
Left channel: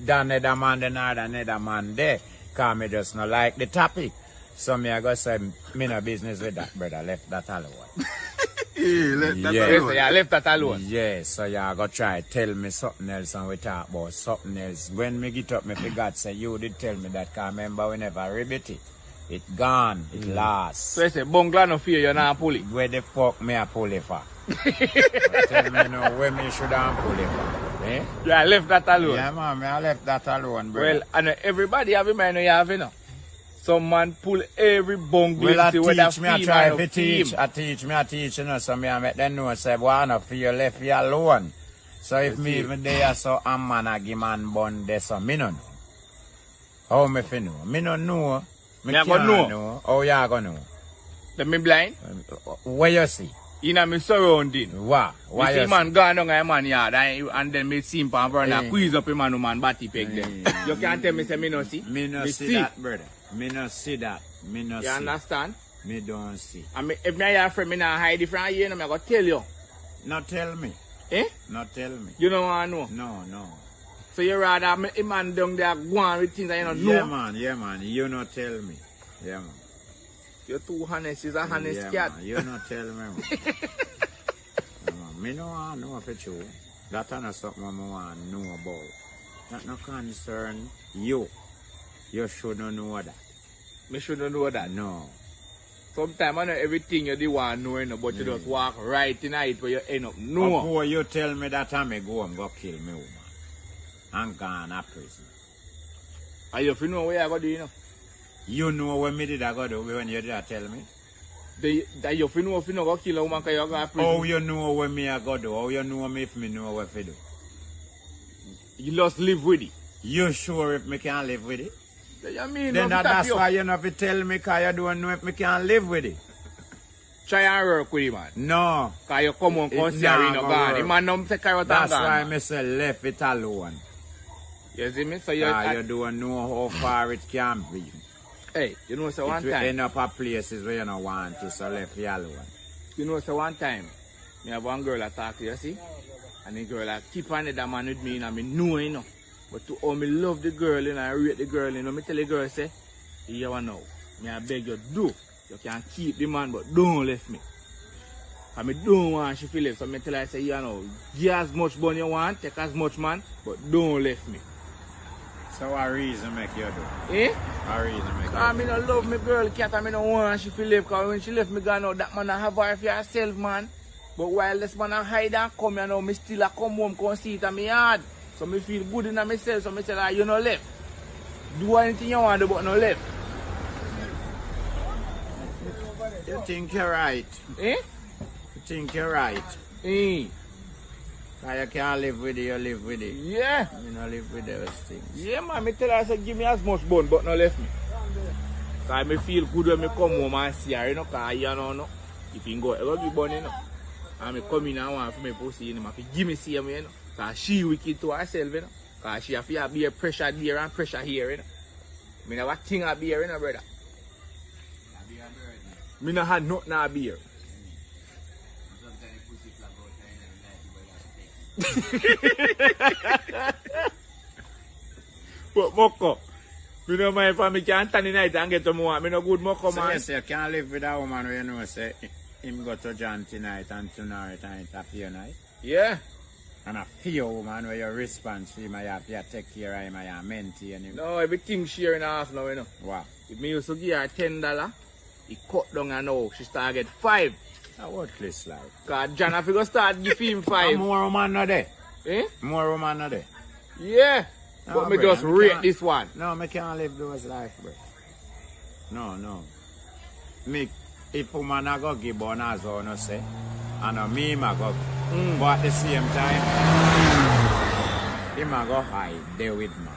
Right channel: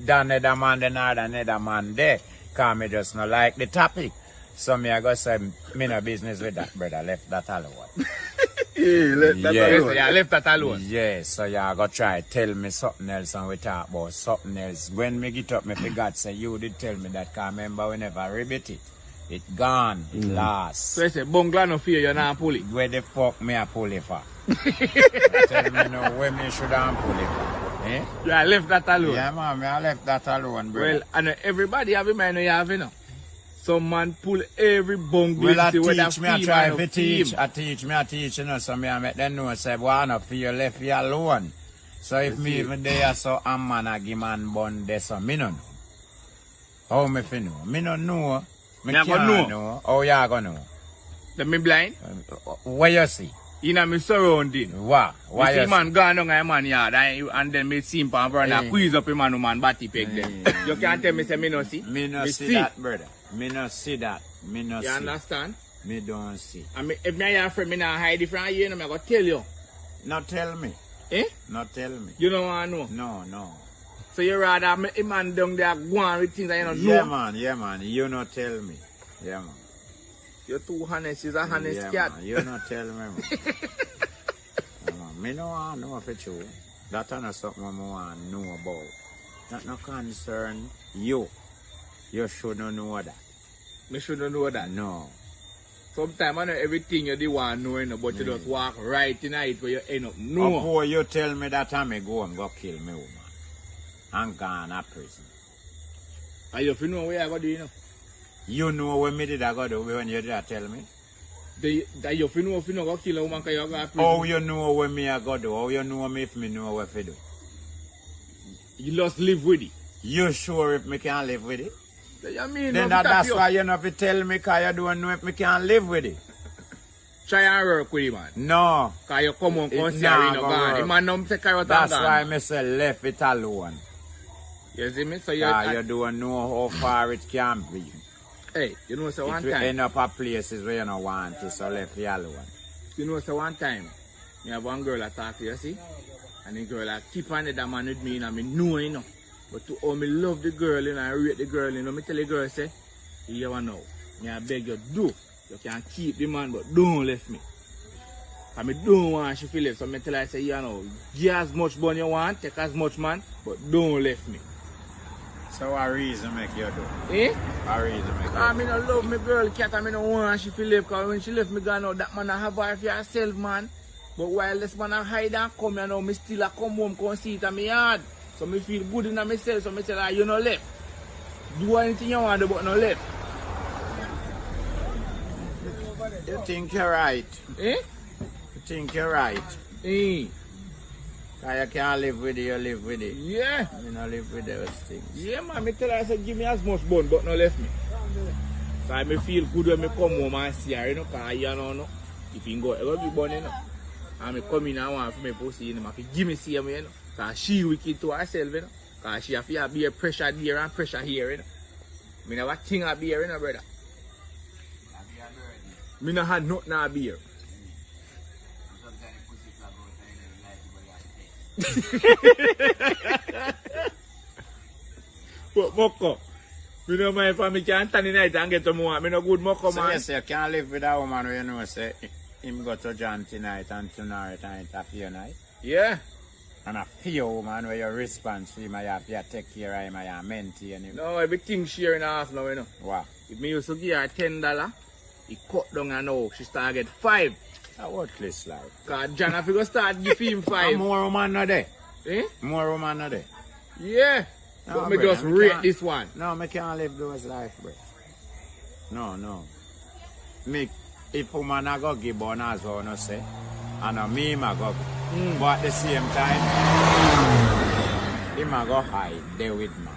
that another man the another man there. Cause me just not like the topic. So me I go say me no business with that brother. Left that alone. Left that alone. Yeah, left that alone. Yeah, so you go try tell me something else and we talk about something else. When me get up, me forgot say you did tell me that. Cause remember we never repeat it. It gone, it lost. So you say bungalow no fear you not pull it. Where the fuck me a pull it for? Tell me now where me should have pull it for. Eh? Yeah, I left that alone. Yeah man, I left that alone, brother. Well, and everybody have a mind you have, you know. Some man pull every bungalow. Well, I teach me, I try to teach. I teach, you know, so me I make them know, say, boy, I don't feel left you alone. So if me even there, so a man a give man bun there, so me no know. How me fi know? Me no know. Me can't know. How you gonna know? Let me blind? Where you see? In my surrounding. Why? Why You you see man gone down a man yard and then me see him pan veranda squeeze up him and man body peg them. You can't tell me say me no see? Me no see that, brother. Me no see that. Me no see. You understand? Me don't see. And me, if me your friend, me not hide it from you, no, me go tell you. Not tell me. Eh? Not tell me. You don't want to know? No, no. So you rather me a man down there go on with things that you don't Yeah, know? yeah, man. You not tell me. Yeah, man. You're too honest, is a honest Yeah, cat. man. You not tell me, man. Yeah, man. Me no want know for you. That is not something I want to know about. That no concern you. You should not know that. Me shouldn't know that. No. Sometimes I know everything you do want to know, you know, but you just walk right in it where you end up. No. Before you tell me that I may go and go kill me woman. And gone to prison. And you know what I got to do, you know? You know what me did I go do when you did that tell me? That you know if you go kill a woman because you go to prison. How you know what me I go do? How you know me if me know what to do? You just live with it. You sure if me can live with it? So you mean Then no that's you why you know if you tell me because you don't know if me can live with it. try and work with him, man. No. Because you come on, come It see nah her, you know, gonna gone. work. The man don't take care of That's that why me say left it alone. You see me? So You don't know how far it can be. Hey, you know, so It one will time. end up at places where you don't want it, so left it alone. You know, so one time, me have one girl I talk to, you see? And the girl I keep on that man with me, and I know, you know. But to all me love the girl, you know, I rate the girl, you know, me tell the girl, say, you ever know, me I beg you, do. You can keep the man, but don't left me. And me don't want she feel left, so me tell her, say, you know, give as much bun you want, take as much man, but don't left me. So what reason make you do? Eh? What reason make you I do? mean, I love my girl cat, I mean, I want she feel left, because when she left me gone out, that man I have her for herself, man. But while this man I hide and come, you know, me still I come home, come see it in my yard. So me feel good in myself, so me tell her, you no left. Do anything you want to do, but no left. You think you're right. Eh? You think you're right. Eh? Because you can't live with it, you live with it. Yeah. You don't live with those things. Yeah, man, me tell her, I said, give me as much bun, but no left me. Because me feel good when me come home and see her, you know, because you know, if you go, I love you bun, you know. And me come in and want for me pussy, you know, I give me see me, you know. Because she wicked to herself, you know. Because she have to be a pressure there and pressure here, you know. Me never think of beer, you know, brother. Me no had nothing of beer. But Moko, me no mind if me can stand in the night and get to more. Me no good Moko, So man. yes, you can't live with a woman where you know say him go to John tonight and tonight and a few night. Yeah. And a few woman where you respond to him, you have to take care of him, you maintain him. No, everything sharing half now, you know. Wow. If me used to give her $10, he cut down and now she start get 5. A worthless life. Because John have to start giving him 5. And more woman not there. Eh? More woman not there. Yeah. No, But me brother, just me rate can't- this one. No, me can't live those life, bro. No. Me, if woman a go give bun as well, no say, and me ma go give. But at the same time, him a go hide there with man.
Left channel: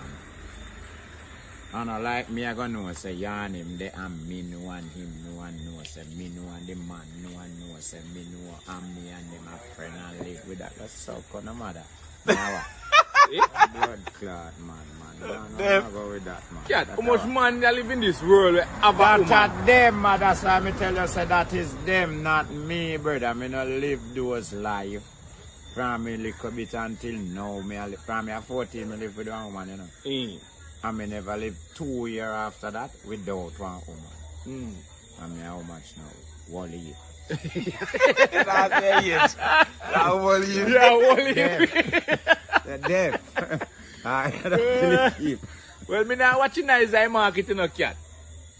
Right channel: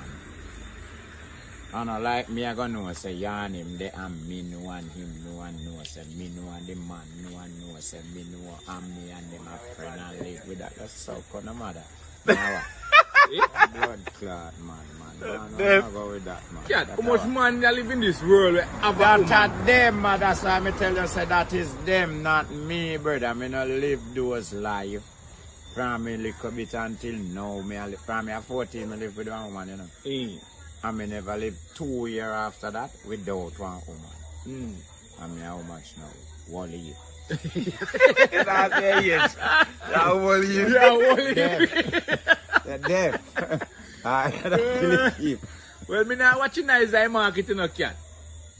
And I like me, I go know say yarn him there and me know and him know and know say me know and the man know and know say me know and me and them a friend and live with that. That's so kind of mother. Now, blood clot man. Don't go with that man. Yeah, That's how much how- man they live in this world where have a That woman? are them, man. That's why me tell you, say that is them, not me, brother. Me no live those life. From me little bit until now, from me at 14, me live with one woman, you know. And me never live 2 years after that without one woman. And me how much now? 1 year. That's the age. That's one year. Yeah, only. The deaf. I don't believe. Well, me not watching nice eye market, you know, cat.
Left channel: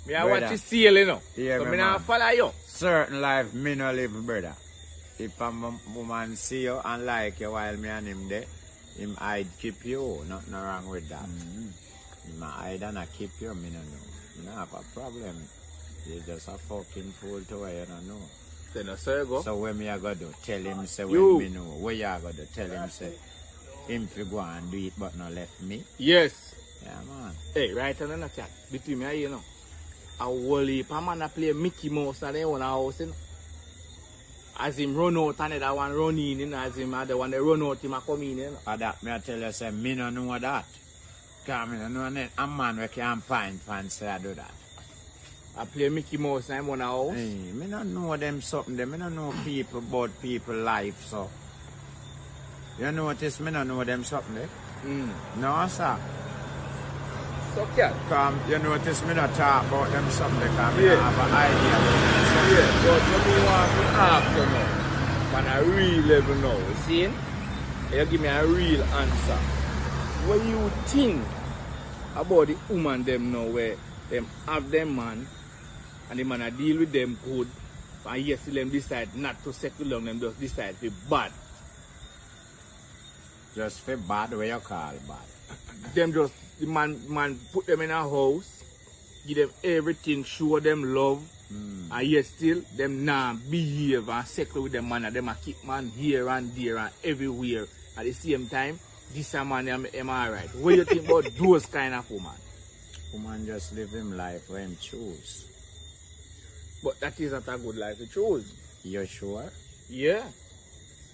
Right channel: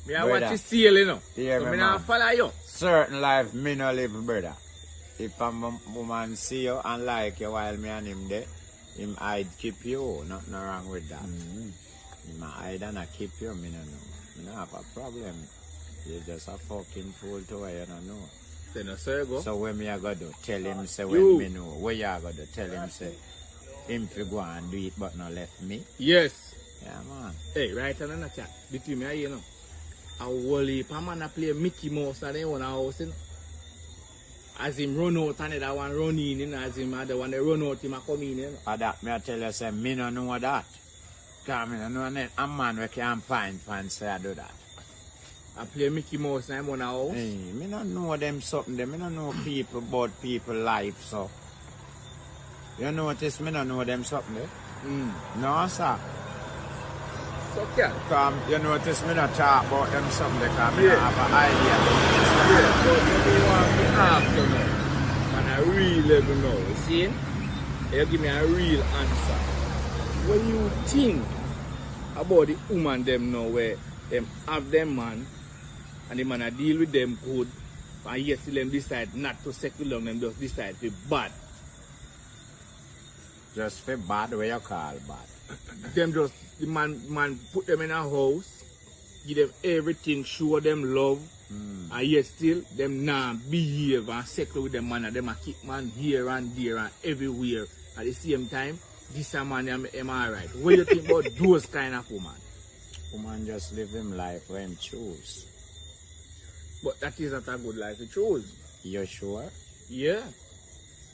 Me a Brother. watch it sale, you know. Yeah, so me me not man. follow you. Certain life, me no live, brother. If a woman see you and like you while me and him there, him hide keep you. Nothing wrong with that. Him hide and I keep you, me no know. Me no have a problem. You're just a fucking fool to where you don't know. Then I say go. So when me I go do, tell him say You. when me know. What you go do, tell him say him fi go and do it but not left me. Yes. Yeah man. Hey, right on the chat. Between me and you know. A whole heap of man a play Mickey Mouse and they own a house, you know. as him run out and the one run in, you know, as him the one that run out, him a come in, you know. That me I tell you, say, me no know that. Because me no know a man who can find pants say I do that. I play Mickey Mouse and I'm on a house. Hey, me no know them something, me no know people about people life, so. You notice me no know them something, eh? No, sir. So, yeah. You notice me not talk about them something because me don't have an idea about them something. Yeah, but you want to talk to now. On a real level now, you see? You give me a real answer. What do you think about the woman them now where them have them man and the man a deal with them good and yes, them decide not to settle down, them just decide to be bad. Just for bad, what you call bad? Them just, the man put them in a house, give them everything, show them love, and yet still, them nah behave and settle with them man, and them a keep man here and there and everywhere. At the same time, this a man am alright. What do you think about those kind of woman? Woman just live him life where him choose. But that isn't a good life to choose. You sure? Yeah.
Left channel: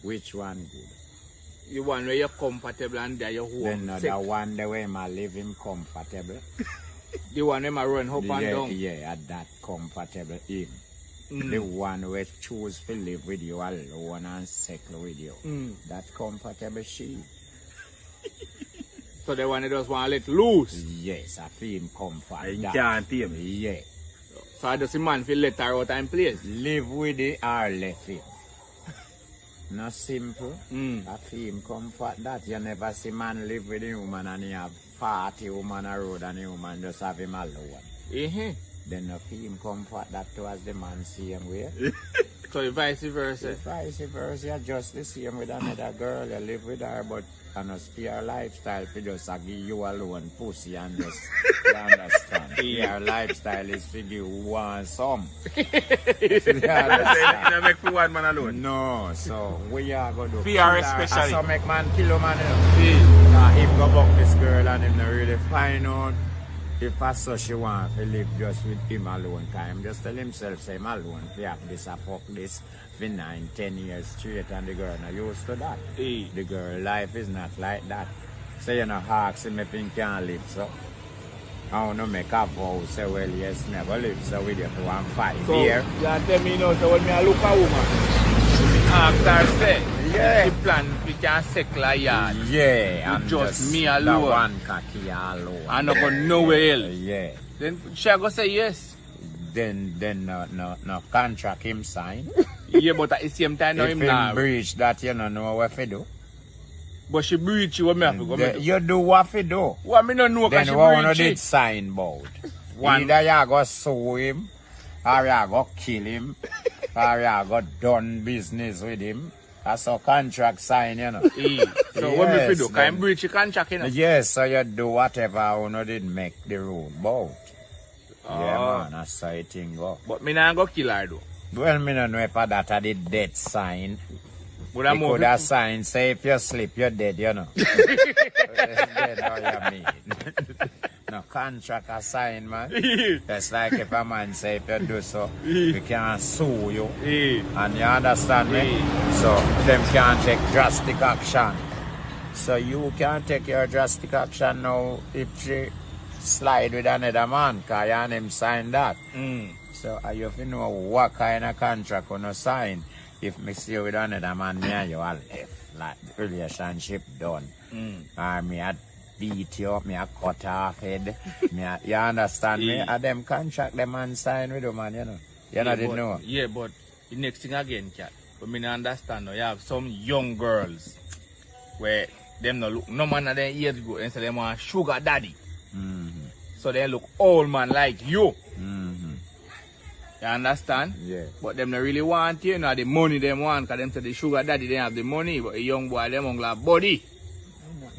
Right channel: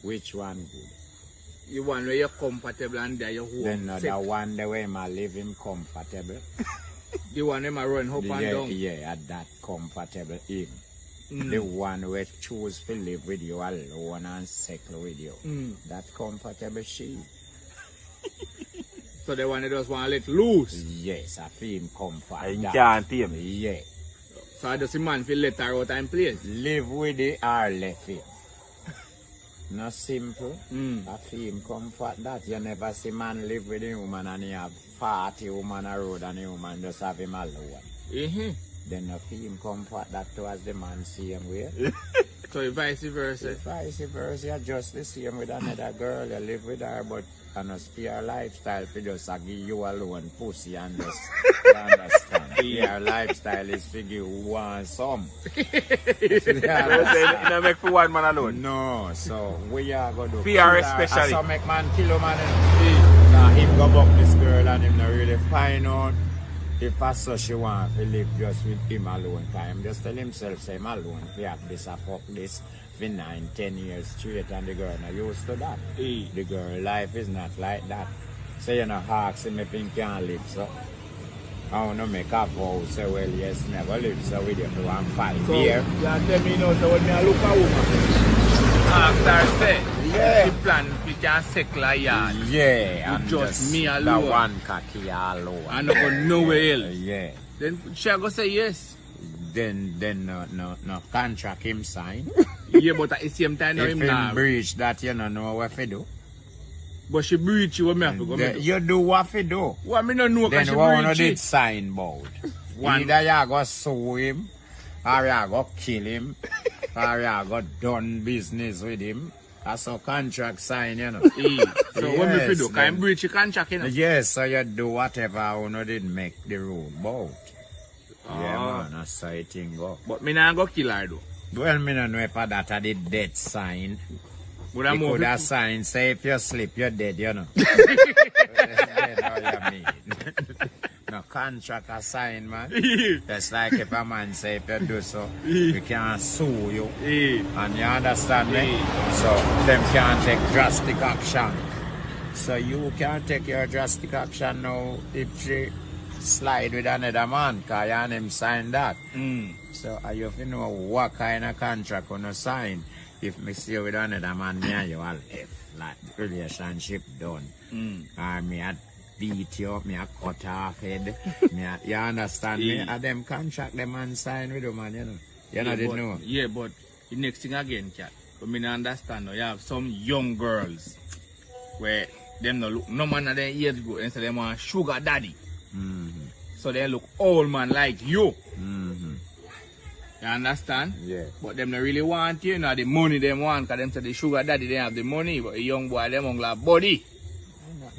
Which one good? The one where you're comfortable and there you're home. Then no, the one the way I live him comfortable. The one where I run up and down. Yeah, that comfortable him. The one where choose to live with you alone and settle with you. That comfortable she. So the one that just want to let loose? Yes, I feel him comfort. You can't tame. Yeah. So I just the man feel let her out and place? Live with it or left it. Not simple. I feel him comfort that. You never see man live with a woman and he have 40 woman a road and the woman just have him alone. Then I feel him comfort that towards the man same way. So vice versa? Vice versa, you're just the same with another girl. You live with her but and a spare lifestyle for just give you alone pussy and just you understand. Your lifestyle is for give one some. You don't make for one man alone. No, so we are going to do PR especially. So make man kill a man, you know. Now him go back this girl and him not really find out if I saw she want to live just with him alone. Cause him just tell himself say him alone. If have this I fuck this for 9-10 years straight and the girl not used to that. The girl life is not like that. So you know ask him if he can live so. I want to make a vow, say well yes, never live so with you for 5 years. You tell me now, so when me look at woman, after say, yeah. the plan we can settle a yard. Yeah, and just me alone. The one cat here alone. I'm not going nowhere else. Yeah. Then she go say yes. Then no contract him sign. Yeah, but at the same time, if him breach that, you don't know what to do. But she breach you, what me have to go you do what to do. What me don't know. Then what you did sign about? Either you go sue him, or you go kill him, or you go done business with him. That's a contract sign, you know. So what you do? Can you breach your contract, you know? Yes, so you do whatever you did make the rule about. Yeah, man, that's how it thing go. But me not go kill her, though. Well, me don't know if that are the death sign. But you could have sign, say if you sleep, you're dead, you know. Dead or you mean. No contract a sign, man. That's like if a man say if you do so, you can sue you. And you understand me? So, them can take drastic action. So you can take your drastic action now if she slide with another man, because you and him sign that. So you have to know what kind of contract you sign. If me see you with another man, me and you are left. Like the relationship done. Me I beat you up, me I cut off head. You understand me? And them contract the man sign with the man, you know. You know, didn't know. Yeah, but the next thing again, cat. But me not understand. You have some young girls where them no look no man of their age go and so them want sugar daddy. So they look old man like you. You understand? Yeah. But them not really want you know the money them want, because them say the sugar daddy they have the money, but the young boy them only have body.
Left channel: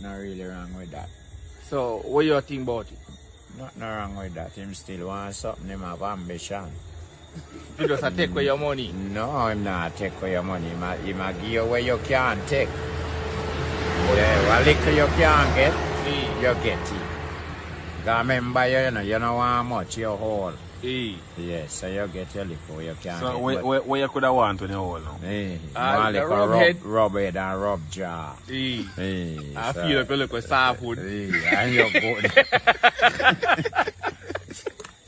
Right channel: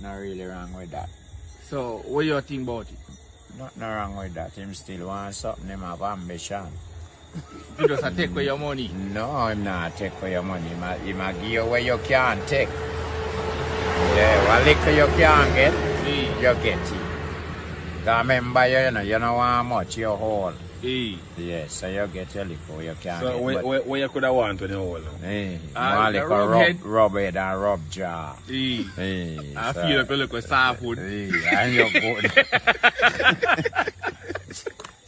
Not really wrong with that. So what you think about it? Nothing wrong with that. Him still want something, him have ambition. You just take away your money? No, him not take away your money. He might give you where you can't take. Yeah, what little you can't get, you get it. Because remember, you know want much, you hold. Yes, so you get your liquor, you can't So get where you could have want when you hold now? more liquor rub head and rub jaw. I feel like a little soft food. And you good.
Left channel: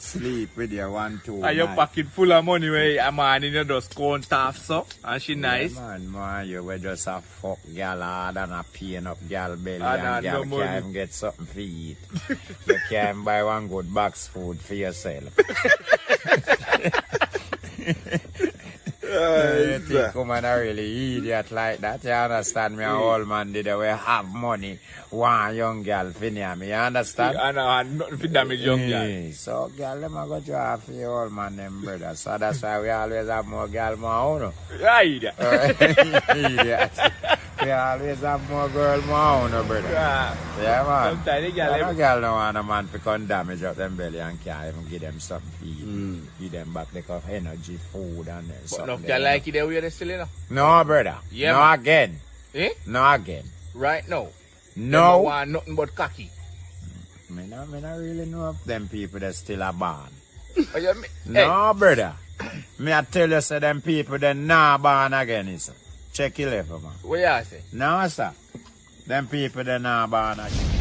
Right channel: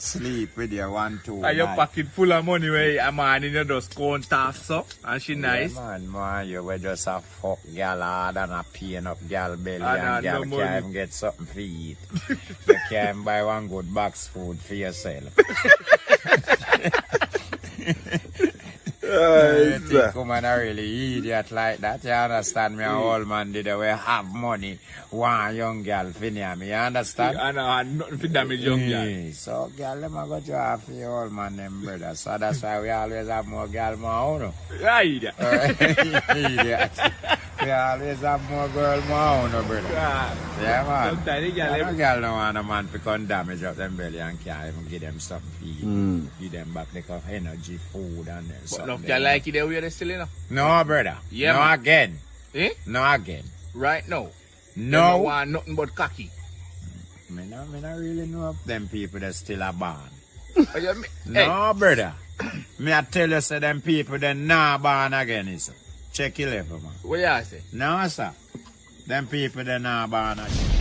Sleep with your 1, 2. And your pocket full of money where a man in your just go and tough so and she nice. Yeah, man, you were just a fuck gal hard and a pain up gal belly and gal no can't even get something to eat. You can't buy one good box food for yourself. You think woman are really idiot like that? You understand me? An old man did we have money. One young girl for me, you understand? And nothing to damage young girl. So girl, them a go draw for your old man them brother. So that's why we always have more girl, more own. Right. Idiot. We always have more girl, more own, brother. Yeah, man. No girl no want a man to come damage up them belly and can't even give them something to eat. Give them back like energy, food and then something. But no, like it the way they still, you know? No, brother. Yeah, no man. again. Eh? No again. Right now. No. You want nothing but cocky. Me not really know of them people that still are born. Hey. No, brother. Me I tell you, say them people that not born again, is. Check your level, man. What you say? No, sir. Them people that not born again.